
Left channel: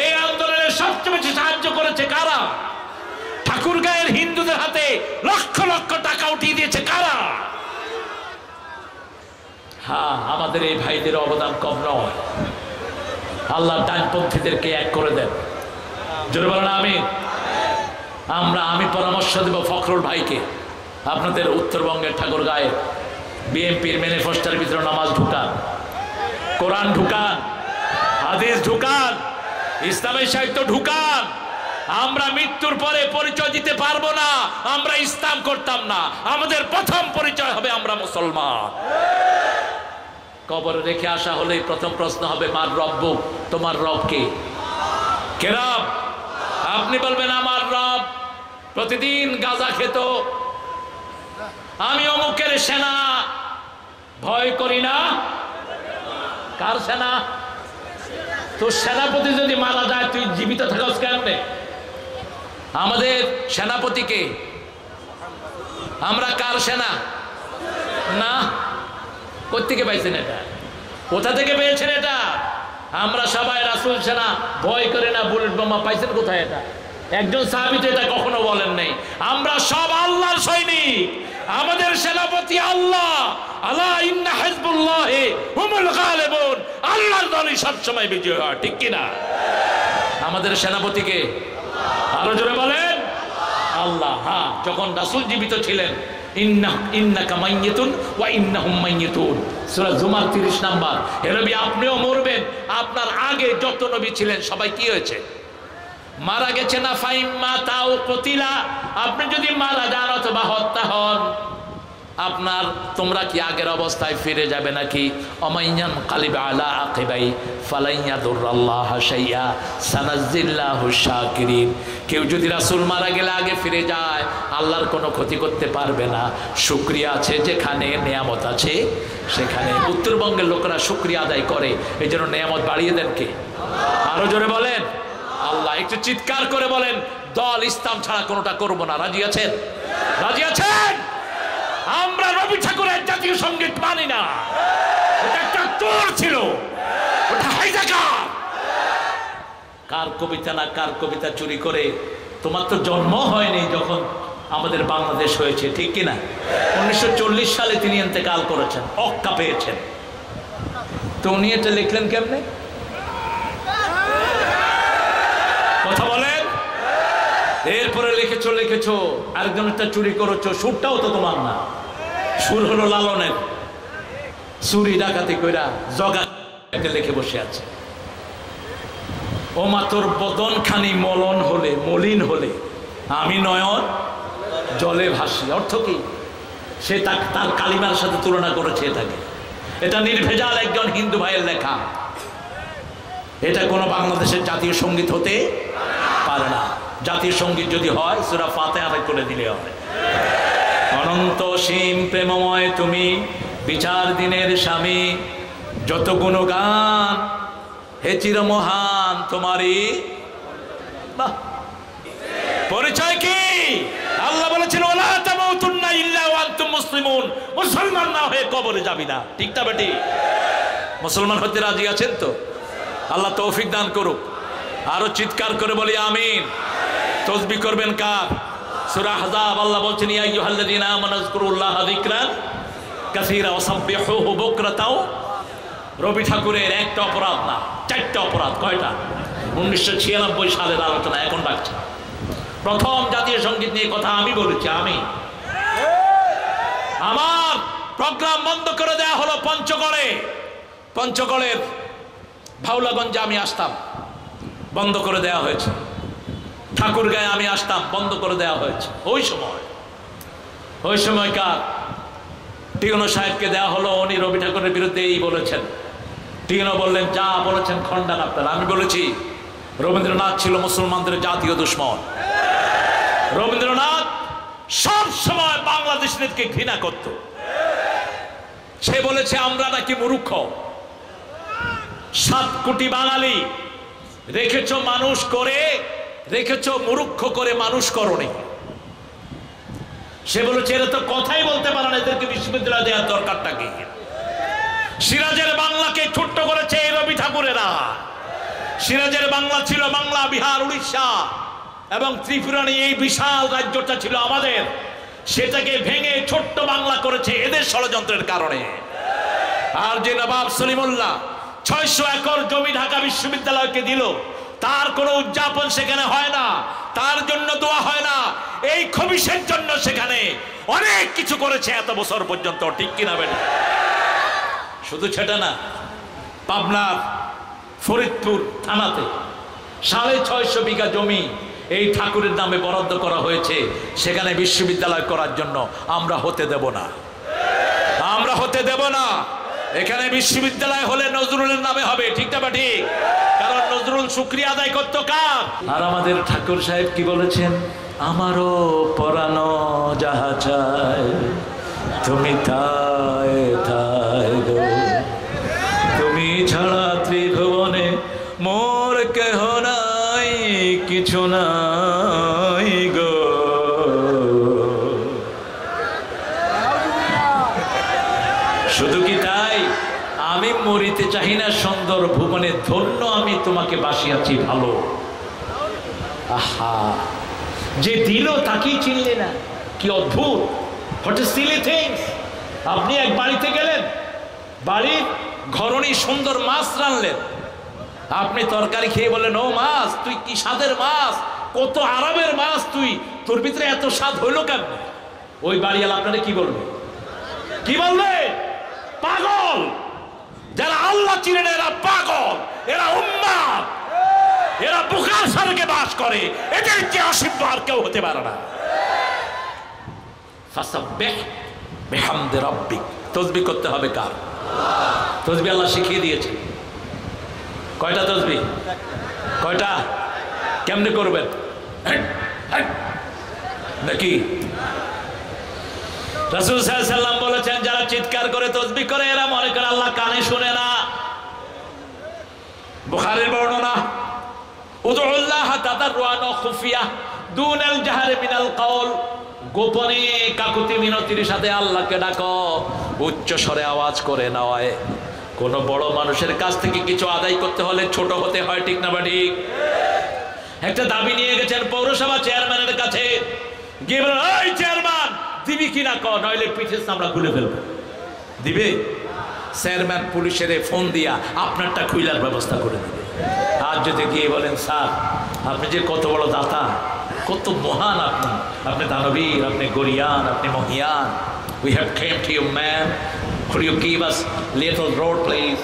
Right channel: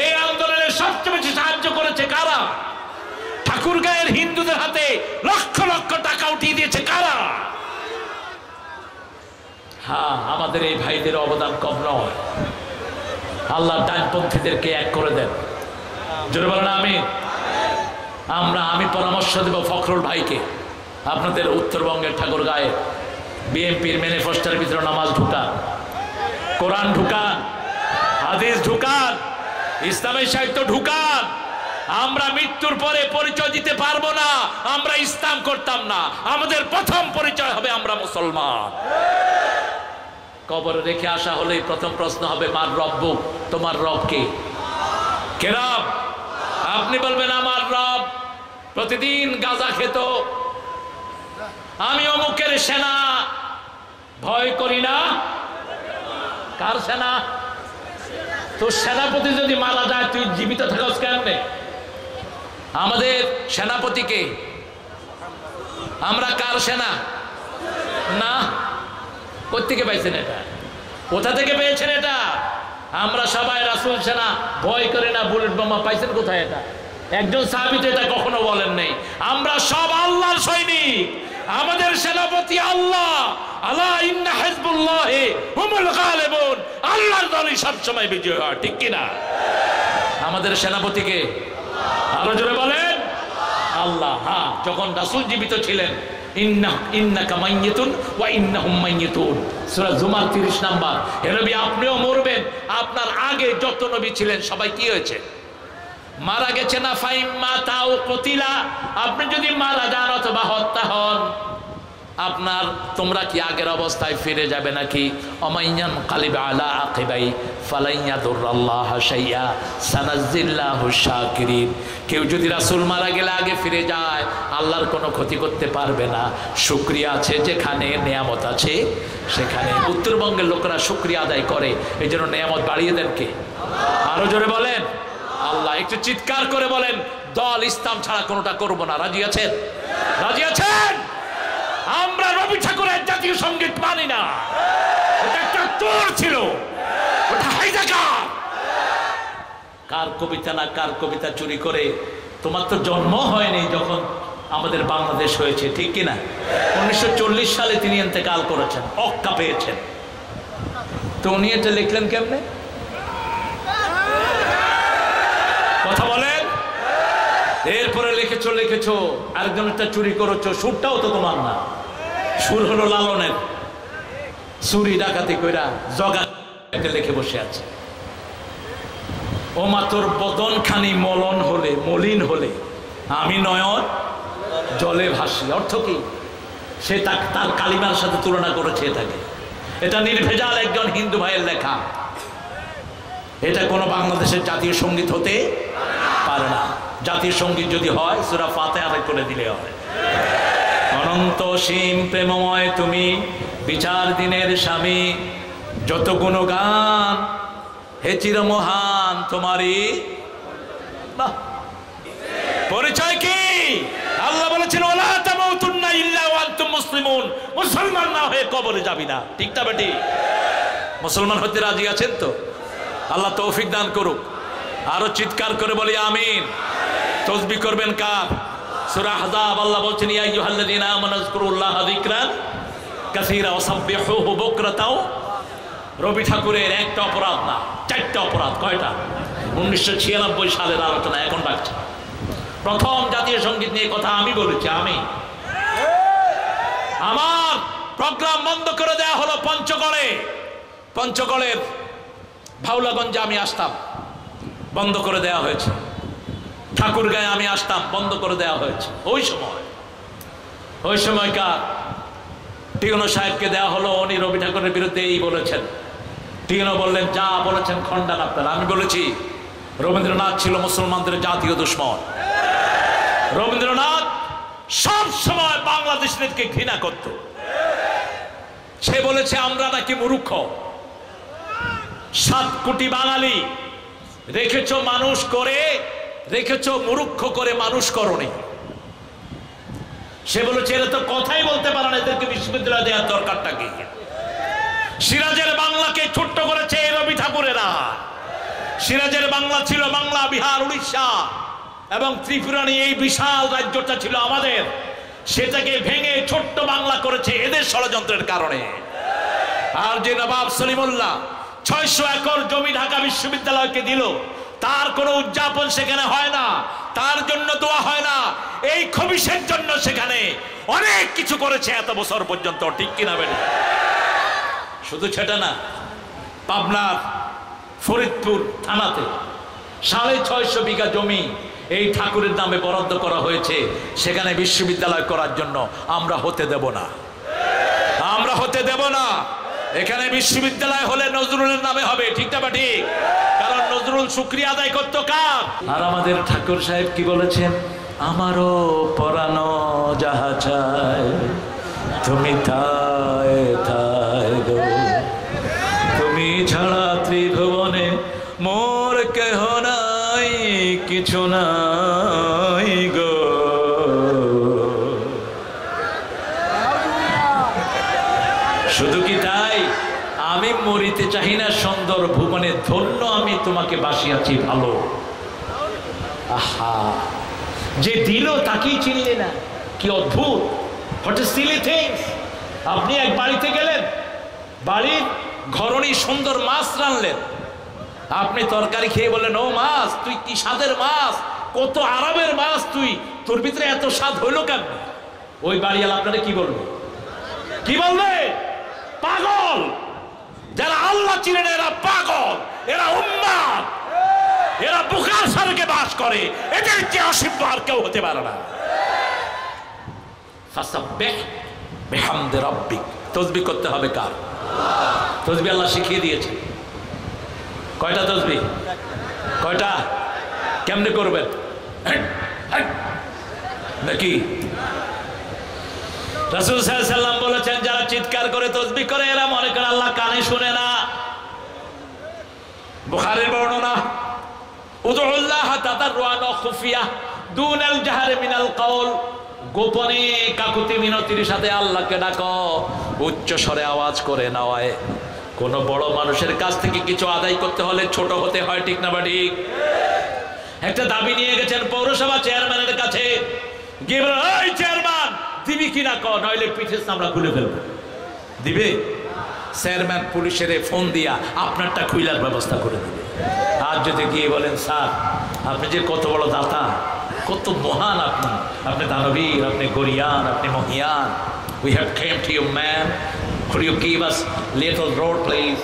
এই আন্দোলনে সবচেয়ে বেশি সাহায্য করেছে কারা? ঠাকুরগাঁয়ের হিন্দুদের হাতে লক্ষ লক্ষ টাকা উঠিয়ে দিয়েছে কারা? হ্যাঁ, আমাদের এই ভাইদের অবদান কম নয়। আল্লাহ ডানপন্থীদেরকে এক করে দেন। জোরে বলেন আমিন। আমি পরামর্শ দেব ফখরুল ভাইকে, আপনাদের উত্তরবঙ্গের ঠাকুরগাঁয়ে বিএনপির ম্যানিফেস্টোর ভিতরে নামাজ ঢুকান, কোরআন ঢুকান, হাদিস ঢুকান, ইসলামী সাহিত্য ঢুকান। আমরা মৃত্যুর পরে পরিচয় দিতে পারবো না আমরা ইসলাম করতাম না। আমাদের প্রথম পরিচয় হবে আমরা মুসলমান। কবরে রেখে আসা হলেই প্রথম প্রশ্ন হবে, মার রব্বুক, তোমার রব কে? কে রব? আপনি বলবেন আমার রব প্রতিদিন গাঁজা খেত, আমি অমুকের সেনা, ভয় করি না। কার সেনা? তোর সেনাপতি যদি মারা যায় তুই জীবিত থাকস কেমনে? আমাদের সেনাপতিকে আমরা কার সেনা? না, কোত্থেকে পাইছেন এটা? কোথা থেকে পেয়েছেন এটা? আমরা সবাই রাসূল সেনা, ভয় করে না, বুলেট বোমা পাইছেন কোথায়? এটা একজন সাহাবী তো এটা কখনো বলেন নাই। আমরা সব আল্লাহর সৈনিক, আমাদের সেনাপতি আল্লাহ। আলা ইন্না হিজবুল্লাহি হুমুল গালিবুন। আল্লাহর দলই সবসময় বিজয় হয়, ঠিক কিনা? আমাদের সেনাপতিকে আরো জোরে বলেন আল্লাহ। হ্যাঁ, যখন রাসূল জীবিত ছিলেন, ইন্নাকা মাইয়িতুন ওয়া ইন্নাহুম মাইয়িতুন, সূরা জুমার 30 নাম্বার। হে নবী, আপনিও মরবেন, আপনার আগে যত নবী ছিলেন সবাই কি হয়েছে? মারা গেছে না ফাইম্মা তাও কতিলা, আপনি যদি মারা যান অথবা হত্যা হন, আপনার তোমরা কি আগের অবস্থায় ফিরে যাবে নাকি? অমাইয়ান কালিবা আলা আকিবাই ফালাইয়াদুরাল্লাহ শাইয়া সানাজ্জিল্লাহু শাকিরিন। কেউ যদি রাসূল মারা গেলে আগে ফিরে যায়, আল্লাহর কোনো ক্ষতি করতে পারবে না। শুকরিয়া আছে যেখানে, নিয়ামত আছে সেখানে। উত্তরবঙ্গের লোকেরা শুকরিয়া আদায় করে, এই জন্য নিয়ামত বাড়িয়ে দেন কে? আরো জোরে বলেন আল্লাহ। একটু চিৎকার করে বলেন, দল ইসলাম ছাড়া কোনোটা করব না। রাজি আছেন? রাজি আছেন? আমরা রবি ঠাকুরের জাতীয় সঙ্গীত মানি না, ওটা একটা তোর ছিল, ওটা হাইজাকার। কার কবিতা না কার কবিতা চুরি করে? তোমার তো জন্ম হয়নি যখন আমাদের বাংলাদেশ হয়েছে, ঠিক কিনা? 1940 সালে তিনি ইন্তেকাল করেছেন, অক্কা পেয়েছেন। তো উনি এটা লিখলেন কেমনে? কথা বলেন। এরপরে লিখেছো আরেকজনটা চুরি করেছো, সুরটাও তো তোমার না, সুর হলো লালনের। চুরি ডাকাতি কইরা জগা লিখে বসে আছে। ও মা তোর বদন খানি মলিন হলে আমি নয়ন জলে ভাসি। অর্থ কি? সে তার কালিমার সাথে তুলনা করেছে এটাকে। এটা নির্ভেজাল একজন হিন্দু ভাইয়ের লেখা। এটা কোনো বাংলাদেশের জাতীয় সঙ্গীত হতে পারে না। জাতীয় সঙ্গীত যদি হয় সূরা ফাতিহা করে দিলে হয়। অনন্ত সীম প্রেমময় তুমি, বিচার দিনের স্বামী, যত গুণগান হে চিরমহান তোমারই। বাহ, পরিচয় কি? আল্লাহ বলেছেন ওয়ালা তামুতুন্না ইল্লা ওয়া আনতুম মুসলিমুন। মুসলমান না হয়ে কবরে যাবি না, ঠিক না বেটি? মুসলমান হতে রাজি আছেন তো? আল্লাহ তৌফিক দান করুক। আরো চিৎকার করে বলি আমিন। তসবিহ করবেন কার? সূরা আহজাব আল্লাহ বলছেন ইয়া আইয়ুহাল্লাযীনা আমানু যকুরুল্লাহা যিকরান কাসীরা ওয়াসাব্বিহুহু বুকরাতাও। রবি ঠাকুরের একটা অপরাধ না, চারটা অপরাধ। কয়টা? 1996 সালের আলোচনা এখন রাখছে। প্রথম জাতীয় সঙ্গীত নিয়ে কথা আমি বলেছি। আমার প্রোগ্রাম বন্ধ করে দেয়া হলো পঞ্চগড়ের ভাওলাগঞ্জে আমি আসতাম, বন্ধ করে দেয়া হয়েছে। ঠাকুরগাঁয়ে আমি আসতাম, বন্ধ করে দেওয়া হয়েছে। ওই সময়কার টিউনো সাহেবকে দেওয়া হলো, উনি রবি ঠাকুরের বিরুদ্ধে এই বলেছেন। টিউনো বললেন যা বলেছেন খণ্ডান আপনারা। আমি বলেছি রবীন্দ্রনাথ ছিল মুসলমানদের জাতীয় দুশ্মন। রবীন্দ্রনাথ সব সময় বাংলাদেশকে ঘৃণা করত। সে বলেছে আমরা নাকি মূর্খ। 7 কোটি বাঙালি রেখেছ মানুষ করে, রেখেছ মূর্খ করে মানুষ করনি। সে বলেছে এরা তো কথাই বলতে পারে না, এদেরকে বিশ্ববিদ্যালয় দেওয়ার দরকারটা কি? সিরাজের বাংলাকে ছোট্ট করেছে এই রবি ঠাকুরেরা। সিরাজের বাংলা ছিল বাংলা, বিহার, উড়িষ্যা এবং ত্রিপুরা নিয়ে এই বিশাল রাজ্যটা ছিল আমাদের। সেটাকে ভেঙে ছোট্ট বাংলা করেছে এদের ষড়যন্ত্রের কারণে। আর যে নবাব সলিমুল্লাহ 600 একর জমি ঢাকা বিশ্ববিদ্যালয়কে দিল, তার কোনো উদযাপন সেখানে হয় না, তার জন্য দোয়া হয় না। এই খবিশের জন্য সেখানে অনেক কিছু করেছে এত বছর পর্যন্ত, ঠিক কিনা বেটা? শুধু সেটা না, পাবনার ফরিদপুর থানাতে 650 বিঘা জমি এই ঠাকুরের নামে বরাদ্দ করা হয়েছে, সেখানে বিশ্ববিদ্যালয় করার জন্য। আমরা হতে দেব না, আমরা হতে দেব না। এখানে বিশ্ববিদ্যালয় হলে নজরুলের নামে হবে, ঠিক না ঠিক? কারণ নজরুল শুকরিয়া আদায় করতো কার? আর আমাদের ঠাকুর সাহেব কি বলেছেন? আমারও পরানো যাহা চায় তুমি তাই তাই গো, তুমি ছাড়া ত্রিভুবনে মোর কেহ নাই, কিছু নাই গো। শুধু কি তাই? আমি মরিতে চাহি না সুন্দর ভুবনে, ধন্য আমি তোমাকে বাসিয়াছি ভালো। আহা, যে দিল তাকেই চিনলে না, কি অদ্ভুত! What is silly things. আপনি এক বাড়িতে গেলেন, বাড়ির ঘরণী সুন্দর মাছ রানলেন, আপনি তরকারি খেয়ে বললেন ও মাছ, তুই কি স্বাদের মাছ, কত আরামের মাছ, তুই তোর ভিতরে এত স্বাদ হইল কেন? ওই বাড়িওয়ালা আপনারা কি বলবে? কি বলবে? পাগল। যারা আল্লাহ চিনে না এরা পাগল, এরা উম্মাদ। এরা বুখার স্বর্গে বাস করে, এদের চেয়ে অসীম আর কেউ হতে পারে না। ফাসাব্বিহ বিহামদি রাব্বিক, তাসবিহ করতে হবে কার? তাসবিহ আল্লাহ শিখিয়ে দিয়েছে। কয়টা তাসবিহ? কয়টা? কেমনে করবেন নাকি? রাসূল সাল্লাল্লাহু আলাইহি ওয়াসাল্লাম বলেছেন, যারা চিৎকার করে তাসবিহ করে এরা মনে করে আল্লাহ কানে শুনে না। বুখারীর বর্ণনা, উদউল্লাহ তাদাররুআন ওয়া খুফিয়া দুনাল জাহরি মিনাল কওল, গোপনে কাকুতি মিনতির সাথে আল্লাহকে ডাকো, উচ্চ স্বরে আওয়াজ করে নয়। কোন বড় মানুষের কাছ থেকে কিছু আদায় করতে হলে ছোট হতে হয়, ঠিক না ঠিক? একটা দাবি নিয়ে গেছেন পৌরসভা চেয়ারম্যানের কাছে, গিয়ে বলেন, এই চেয়ারম্যান দিবি কিনা ক, নইলে পিঠের চামড়া খুলে ফেলবো। দিবে? চেয়ারম্যান পুলিশের ফোন দিয়া আপনারটা খুইলার ব্যবস্থা করে দিবে। আর যদি গিয়ে বলেন, স্যার আপনি যে কত বড় দাতা, কত মহান আপনি, আপনি দানবীর, আপনি গরিয়ান, আপনি মহিয়ান, we have came to you man, could you give us little road please?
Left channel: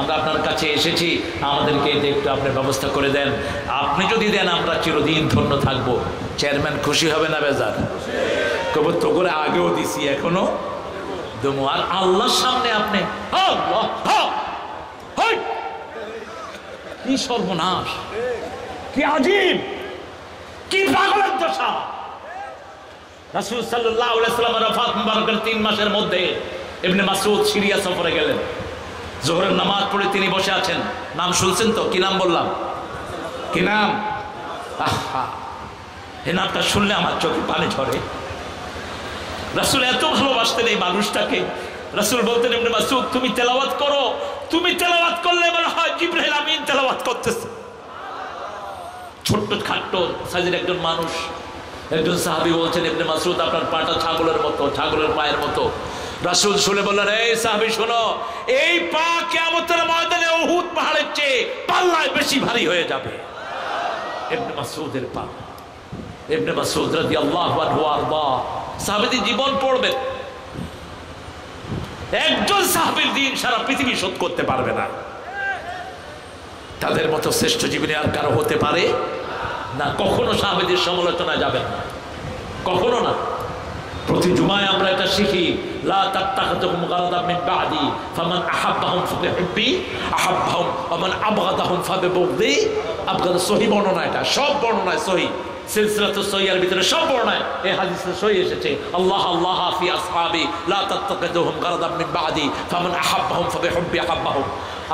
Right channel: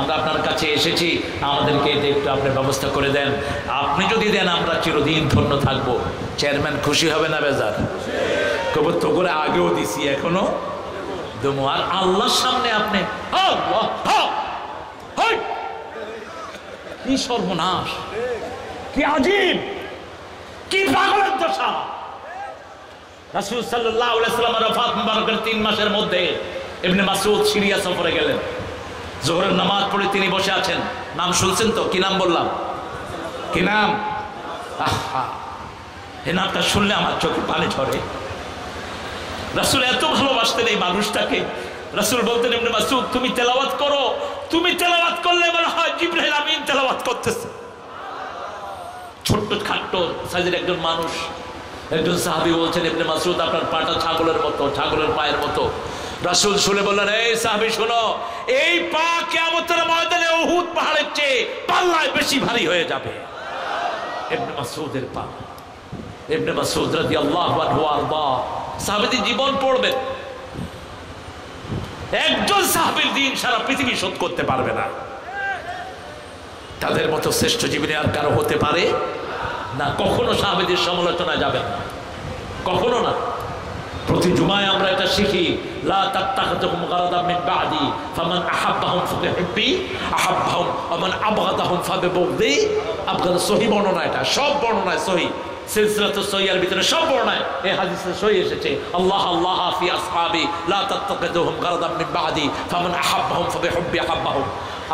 আমরা আপনার কাছে এসেছি, আমাদেরকে একটু আপনি ব্যবস্থা করে দেন। আপনি যদি দেন আমরা চিরদিন ধন্য থাকবো। চেয়ারম্যান খুশি হবে না বেজার? কবে তো করে আগেও দিছি, এখনো দেবো। আর আল্লাহর সামনে আপনি আল্লাহ, কি সর্বনাশ, কি আজীব, কি পাগলের দশা। রাসূল সাল্লাল্লাহু আলাইহি ওয়াসাল্লাম রাফাত মুবারকের 3 মাসের মধ্যে ইবনে মাসউদ সিরিয়া সফরে গেলেন। জোহরের নামাজ পড়ে তিনি বসে আছেন। নাম শুনছেন তো? কি নাম বললাম? কি নাম? আহা, এই নামটা শুনলে আমার চোখে পানি ঝরে। রাসূল এত ভালোবাসতেন এই মানুষটাকে। রাসূল বলতেন, ইবনে মাসউদ তুমি তেলাওয়াত করো, তুমি তেলাওয়াত করলে মনে হয় জিবরাইল আমিন তেলাওয়াত করতেছে। ছোট্ট খাট্ট সাইজের একজন মানুষ, একজন সাহাবী বলছেন, ইবনে মাসউদ আপনার পাটা ছাগলের মতো, ছাগলের পায়ের মতো। রাসূল শুনে বললেন, এই সাহাবী শোনো, এই পা কিয়ামতের ময়দানে উহুদ পাহাড়ের চেয়ে পাল্লায় বেশি ভারী হয়ে যাবে। ইবনে মাসউদের পা। ইবনে মাসউদ রাদিয়াল্লাহু আনহু আরদা সাহাবীদের জীবন পড়বেন। একজন সাহাবীর দিন সারা পৃথিবী শোধ করতে পারবে না। তাদের মতো শ্রেষ্ঠ জীবনে আর কারো হতে পারে না। কখনো সাহাবীদের সমালোচনা যাবেন না, কখনো না। প্রতি জুমায় আমরা এটা শিখি, লা তাত্তাখিযুহুম গারাদাম মিন বাদি ফামান আহাব্বাহুম ফাবিহুব্বি আহাব্বাহুম ওয়া মান আবগাদাহুম ফাবিবুগদি। আবগাদ সহিহ বর্ণনা, এটা সব বর্ণনায় সহিহ, সিলসিলাতুস সহিহের ভিতরে সব বর্ণনায় এই হাদিসে সহিহ এসেছে, আল্লাহ আল্লাহ ফি আসহাবি লা তাত্তাখিযুহুম গারাদাম মিন বাদি ফামান আহাব্বাহুম ফাবিহুব্বি আহাব্বাহুম।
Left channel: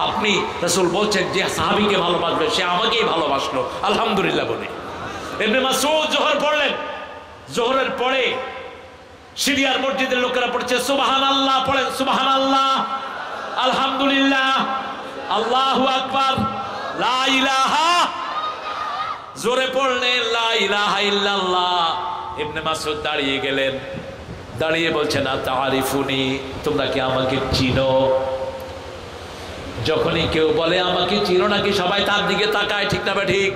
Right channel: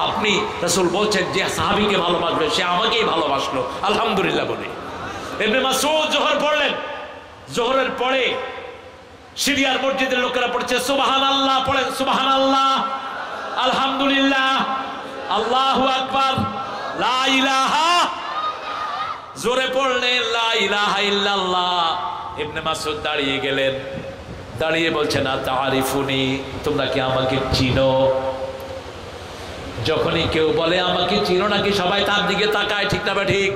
আপনি রাসূল বলছেন, যে সাহাবীকে ভালোবাসবে সে আমাকেই ভালোবাসলো, আলহামদুলিল্লাহ বলে। ইবনে মাসউদ যোহর পড়লেন, যোহরের পরে সিরিয়ার মসজিদের লোকেরা পড়ছে সুবহানাল্লাহ, পড়েন সুবহানাল্লাহ, আলহামদুলিল্লাহ, আল্লাহু আকবার, লা ইলাহা, জোরে পড়লেন লা ইলাহা ইল্লাল্লাহ। ইবনে মাসউদ দাঁড়িয়ে গেলেন, দাঁড়িয়ে বলছেন, আতারিফুনি, তোমরা কি আমাকে চিনো? যখনই কেউ বলে আমাকে চিনো নাকি, সবাই তার দিকে তাকায়, ঠিক না ঠিক?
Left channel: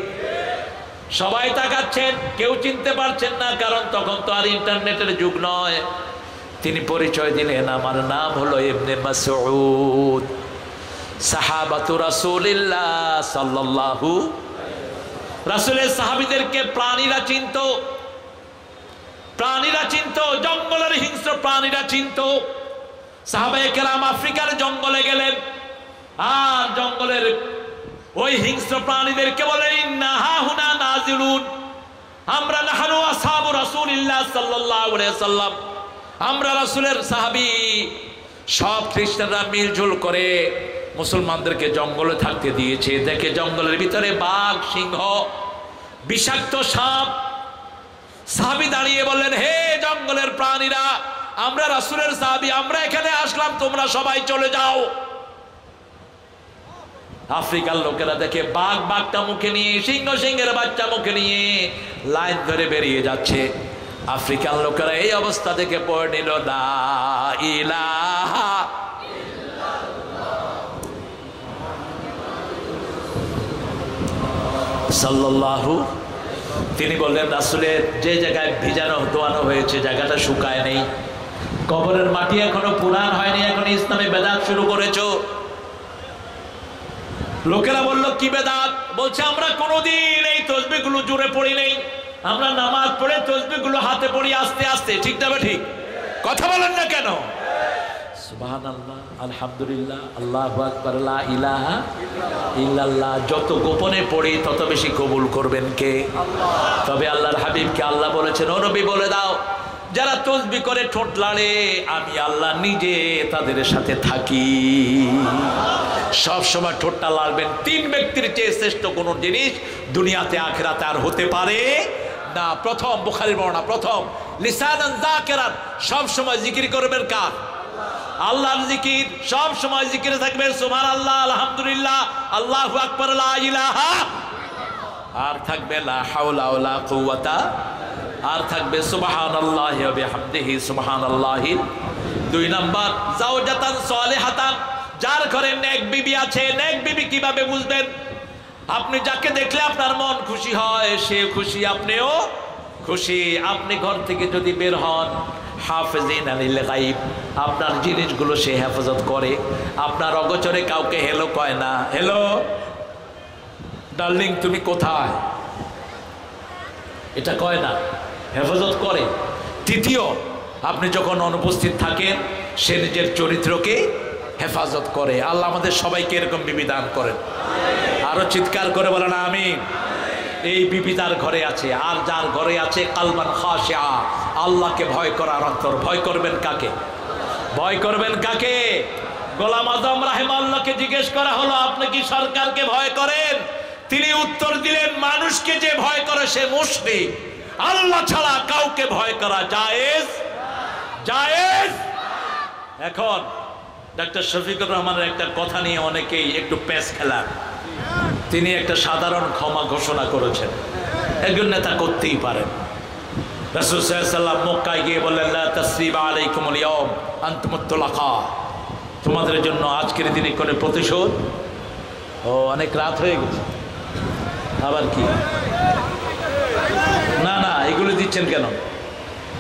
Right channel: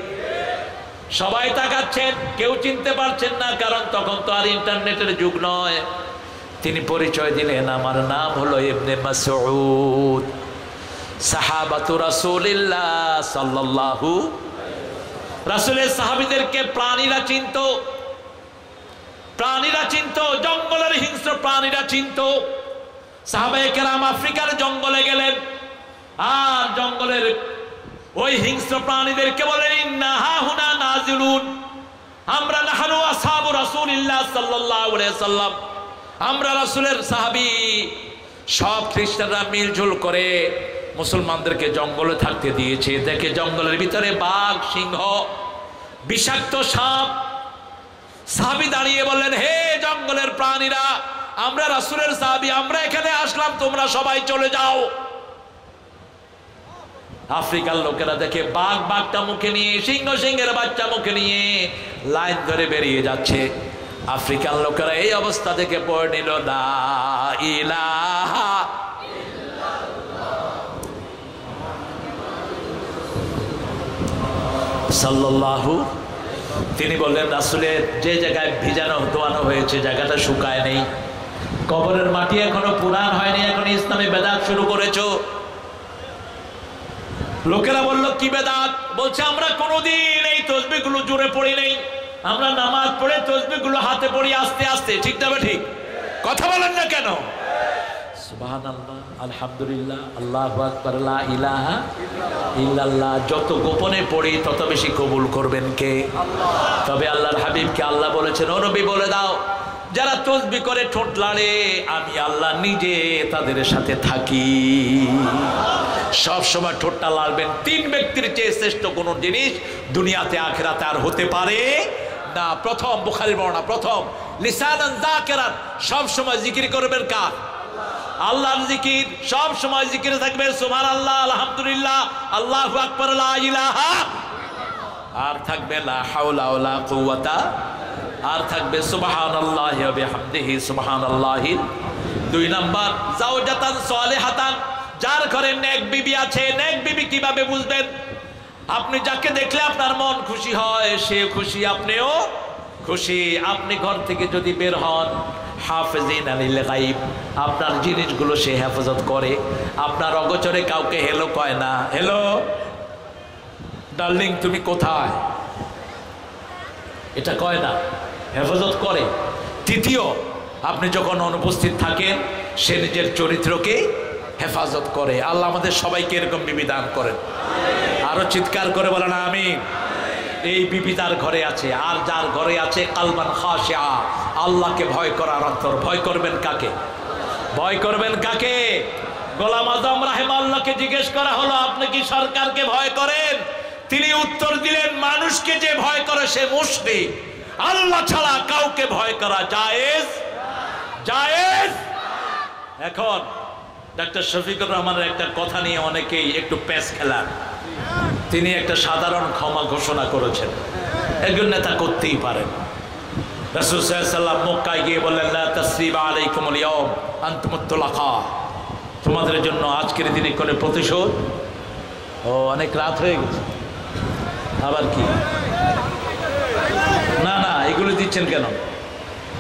সবাই তাকাচ্ছেন, কেউ চিনতে পারছেন না, কারণ তখন তো আর ইন্টারনেটের যুগ নয়। তিনি পরিচয় দিলেন, আমার নাম হলো ইবনে মাসউদ, সাহাবাতু রাসূলিল্লাহ সাল্লাল্লাহু। রাসূলের সাহাবীদেরকে প্রাণীরা চিনত, প্রাণীরা চিনত, জঙ্গলের হিংস্র প্রাণীরা চিনত। সাহাবায়ে কেরাম আফ্রিকার জঙ্গলে গেলেন, আর জঙ্গলের ওই হিংস্র প্রাণীদেরকে বলেন, ইন্না হাহুনা নাজিলুন, আমরা নাহনু আসহাবু রাসূলিল্লাহ সাল্লাল্লাহু আলাইহি ওয়াসাল্লাম, আমরা রাসূলের সাহাবী। সব খ্রিস্টানরা মিলঝুল করে মুসলমানদেরকে জঙ্গলে থাকতে দিয়েছে। দেখে জঙ্গলের ভিতরে বাঘ, সিংহ, বিষাক্ত সাপ। সাহাবী দাঁড়িয়ে বললেন, হে জঙ্গলের প্রাণীরা, আমরা রাসূলের সাহাবী, আমরা এখানে আসলাম, তোমরা সবাই চলে যাও। আফ্রিকার লোকেরা দেখে বাঘ বাঘটা মুখে নিয়ে, সিংহ সিংহের বাচ্চা মুখে নিয়ে লাইন ধরে বেরিয়ে যাচ্ছে। আফ্রিকান লোকেরা এই অবস্থা দেখে পড়ে নিল, লা ইলাহা সাল্লাল্লাহু। তিনি বললেন, রাসূলের যে জায়গায় ভিজানো দোয়ানো হয়েছে জায়গাটা শুকায় নেই, কবরের মাটি এখনো পুরান হয়নি, এখন ইসলামে বেদাত শুরু করেছো। লোকেরা বলল, কি বেদাত? বলছে আমরা কোনোদিন এই তসবিহগুলো জোরে পড়ি নাই, আমরা নামাজ পড়ে তসবিহগুলো হাতে পড়ি আস্তে আস্তে। ঠিক না ঠিক? কথা বলেন না কেন? সুবহানাল্লাহ, আলহামদুলিল্লাহ, আল্লাহু আকবার, লা ইলাহা ইল্লাল্লাহ। যত গোপনে পড়ি তত বেশি কবুল করবেন কে? তবে আল্লাহর হাবিবকে আল্লাহ বলেছেন, ও নবী বলে দাও, যারা তসবিহ করে ঠোঁট লাড়ে আমি আল্লাহ নিজে তাদের সাথে থাকি। সব সময় ঠোঁটটা লাড়বেন। 3 ব্যক্তির চেয়ে শ্রেষ্ঠ কোন জিনিস দুনিয়াতে আখিরাতে আর হতে পারে না। প্রথম, বুখারীর বর্ণনা, প্রথম লিসানান যাকিরান, সব সময় জিকির করবেন কার? আল্লাহর জিকির। সব সময় জিকিরে থাকবেন সুবহানাল্লাহ, আলহামদুলিল্লাহ, আল্লাহু আকবার, লা ইলাহা, আর থাকবে লা হাওলা ওয়ালা কুওয়াতা, আর থাকবে সুবহানাল্লাহি ওয়া বিহামদিহি সুবহানাল্লাহি। 2 নাম্বার জাওজাতান সালিহাতান, যার ঘরে নেক বিবি আছে। নেক বিবি কিভাবে বুঝবেন? আপনি যাকে দেখলে আপনার মন খুশি হয়, সে খুশি, আপনিও খুশি। আপনি ঘর থেকে যদি বের হন, হাফেজিন আনিল গাইব, আপনার জিনিসগুলো সে হেফাজত করে। আপনার অগোচরে কাউকে হেলো কয় না, হেলো ডার্লিং তুমি কোথায়, এটা কয় না, হেফাজত করে। তৃতীয়, আপনি যখন অনুপস্থিত থাকেন সে নিজের চরিত্রকে হেফাজত করে। আল্লাহ আমাদের সবাইকে এরকম বিবি দান করেন। আরো চিৎকার করে বলেন আমিন। এই বিবি তার ঘরে আছে। আর যার ঘরে আছে কালবান খাশিআ, আল্লাহকে ভয় করার অন্তর। ভয় করবেন কাকে? ভয় করবেন কাকে? গোলাম আজম রাহিমাহুল্লাহকে জিজ্ঞেস করা হলো, আপনি কি সরকারকে ভয় করেন? তিনি উত্তর দিলেন, মানুষকে যে ভয় করে সে মুশরিক, আল্লাহ ছাড়া কাউকে ভয় করা জায়েজ জায়েজ। এখন ডাক্তার শফিকুর রহমানের একটা কথা নিয়ে অনেকেই একটু প্যাচ খেলার। তিনি একটা সাধারণ ক্ষমা ঘোষণা করেছেন, একজন নেতা করতেই পারেন। রাসূল সাল্লাল্লাহু আলাইহি ওয়াসাল্লাম মক্কায় গিয়ে বললেন, লা তাসরিবা আলাইকুমুল ইয়াওম আনতুমুত তুলাকা, তোমাদের জন্য আজকের দিনে কোনো প্রতিশোধ। ও অনেক রাত হয়ে গেছে, আবার কি? না না, এগুলো দিচ্ছেন কেন?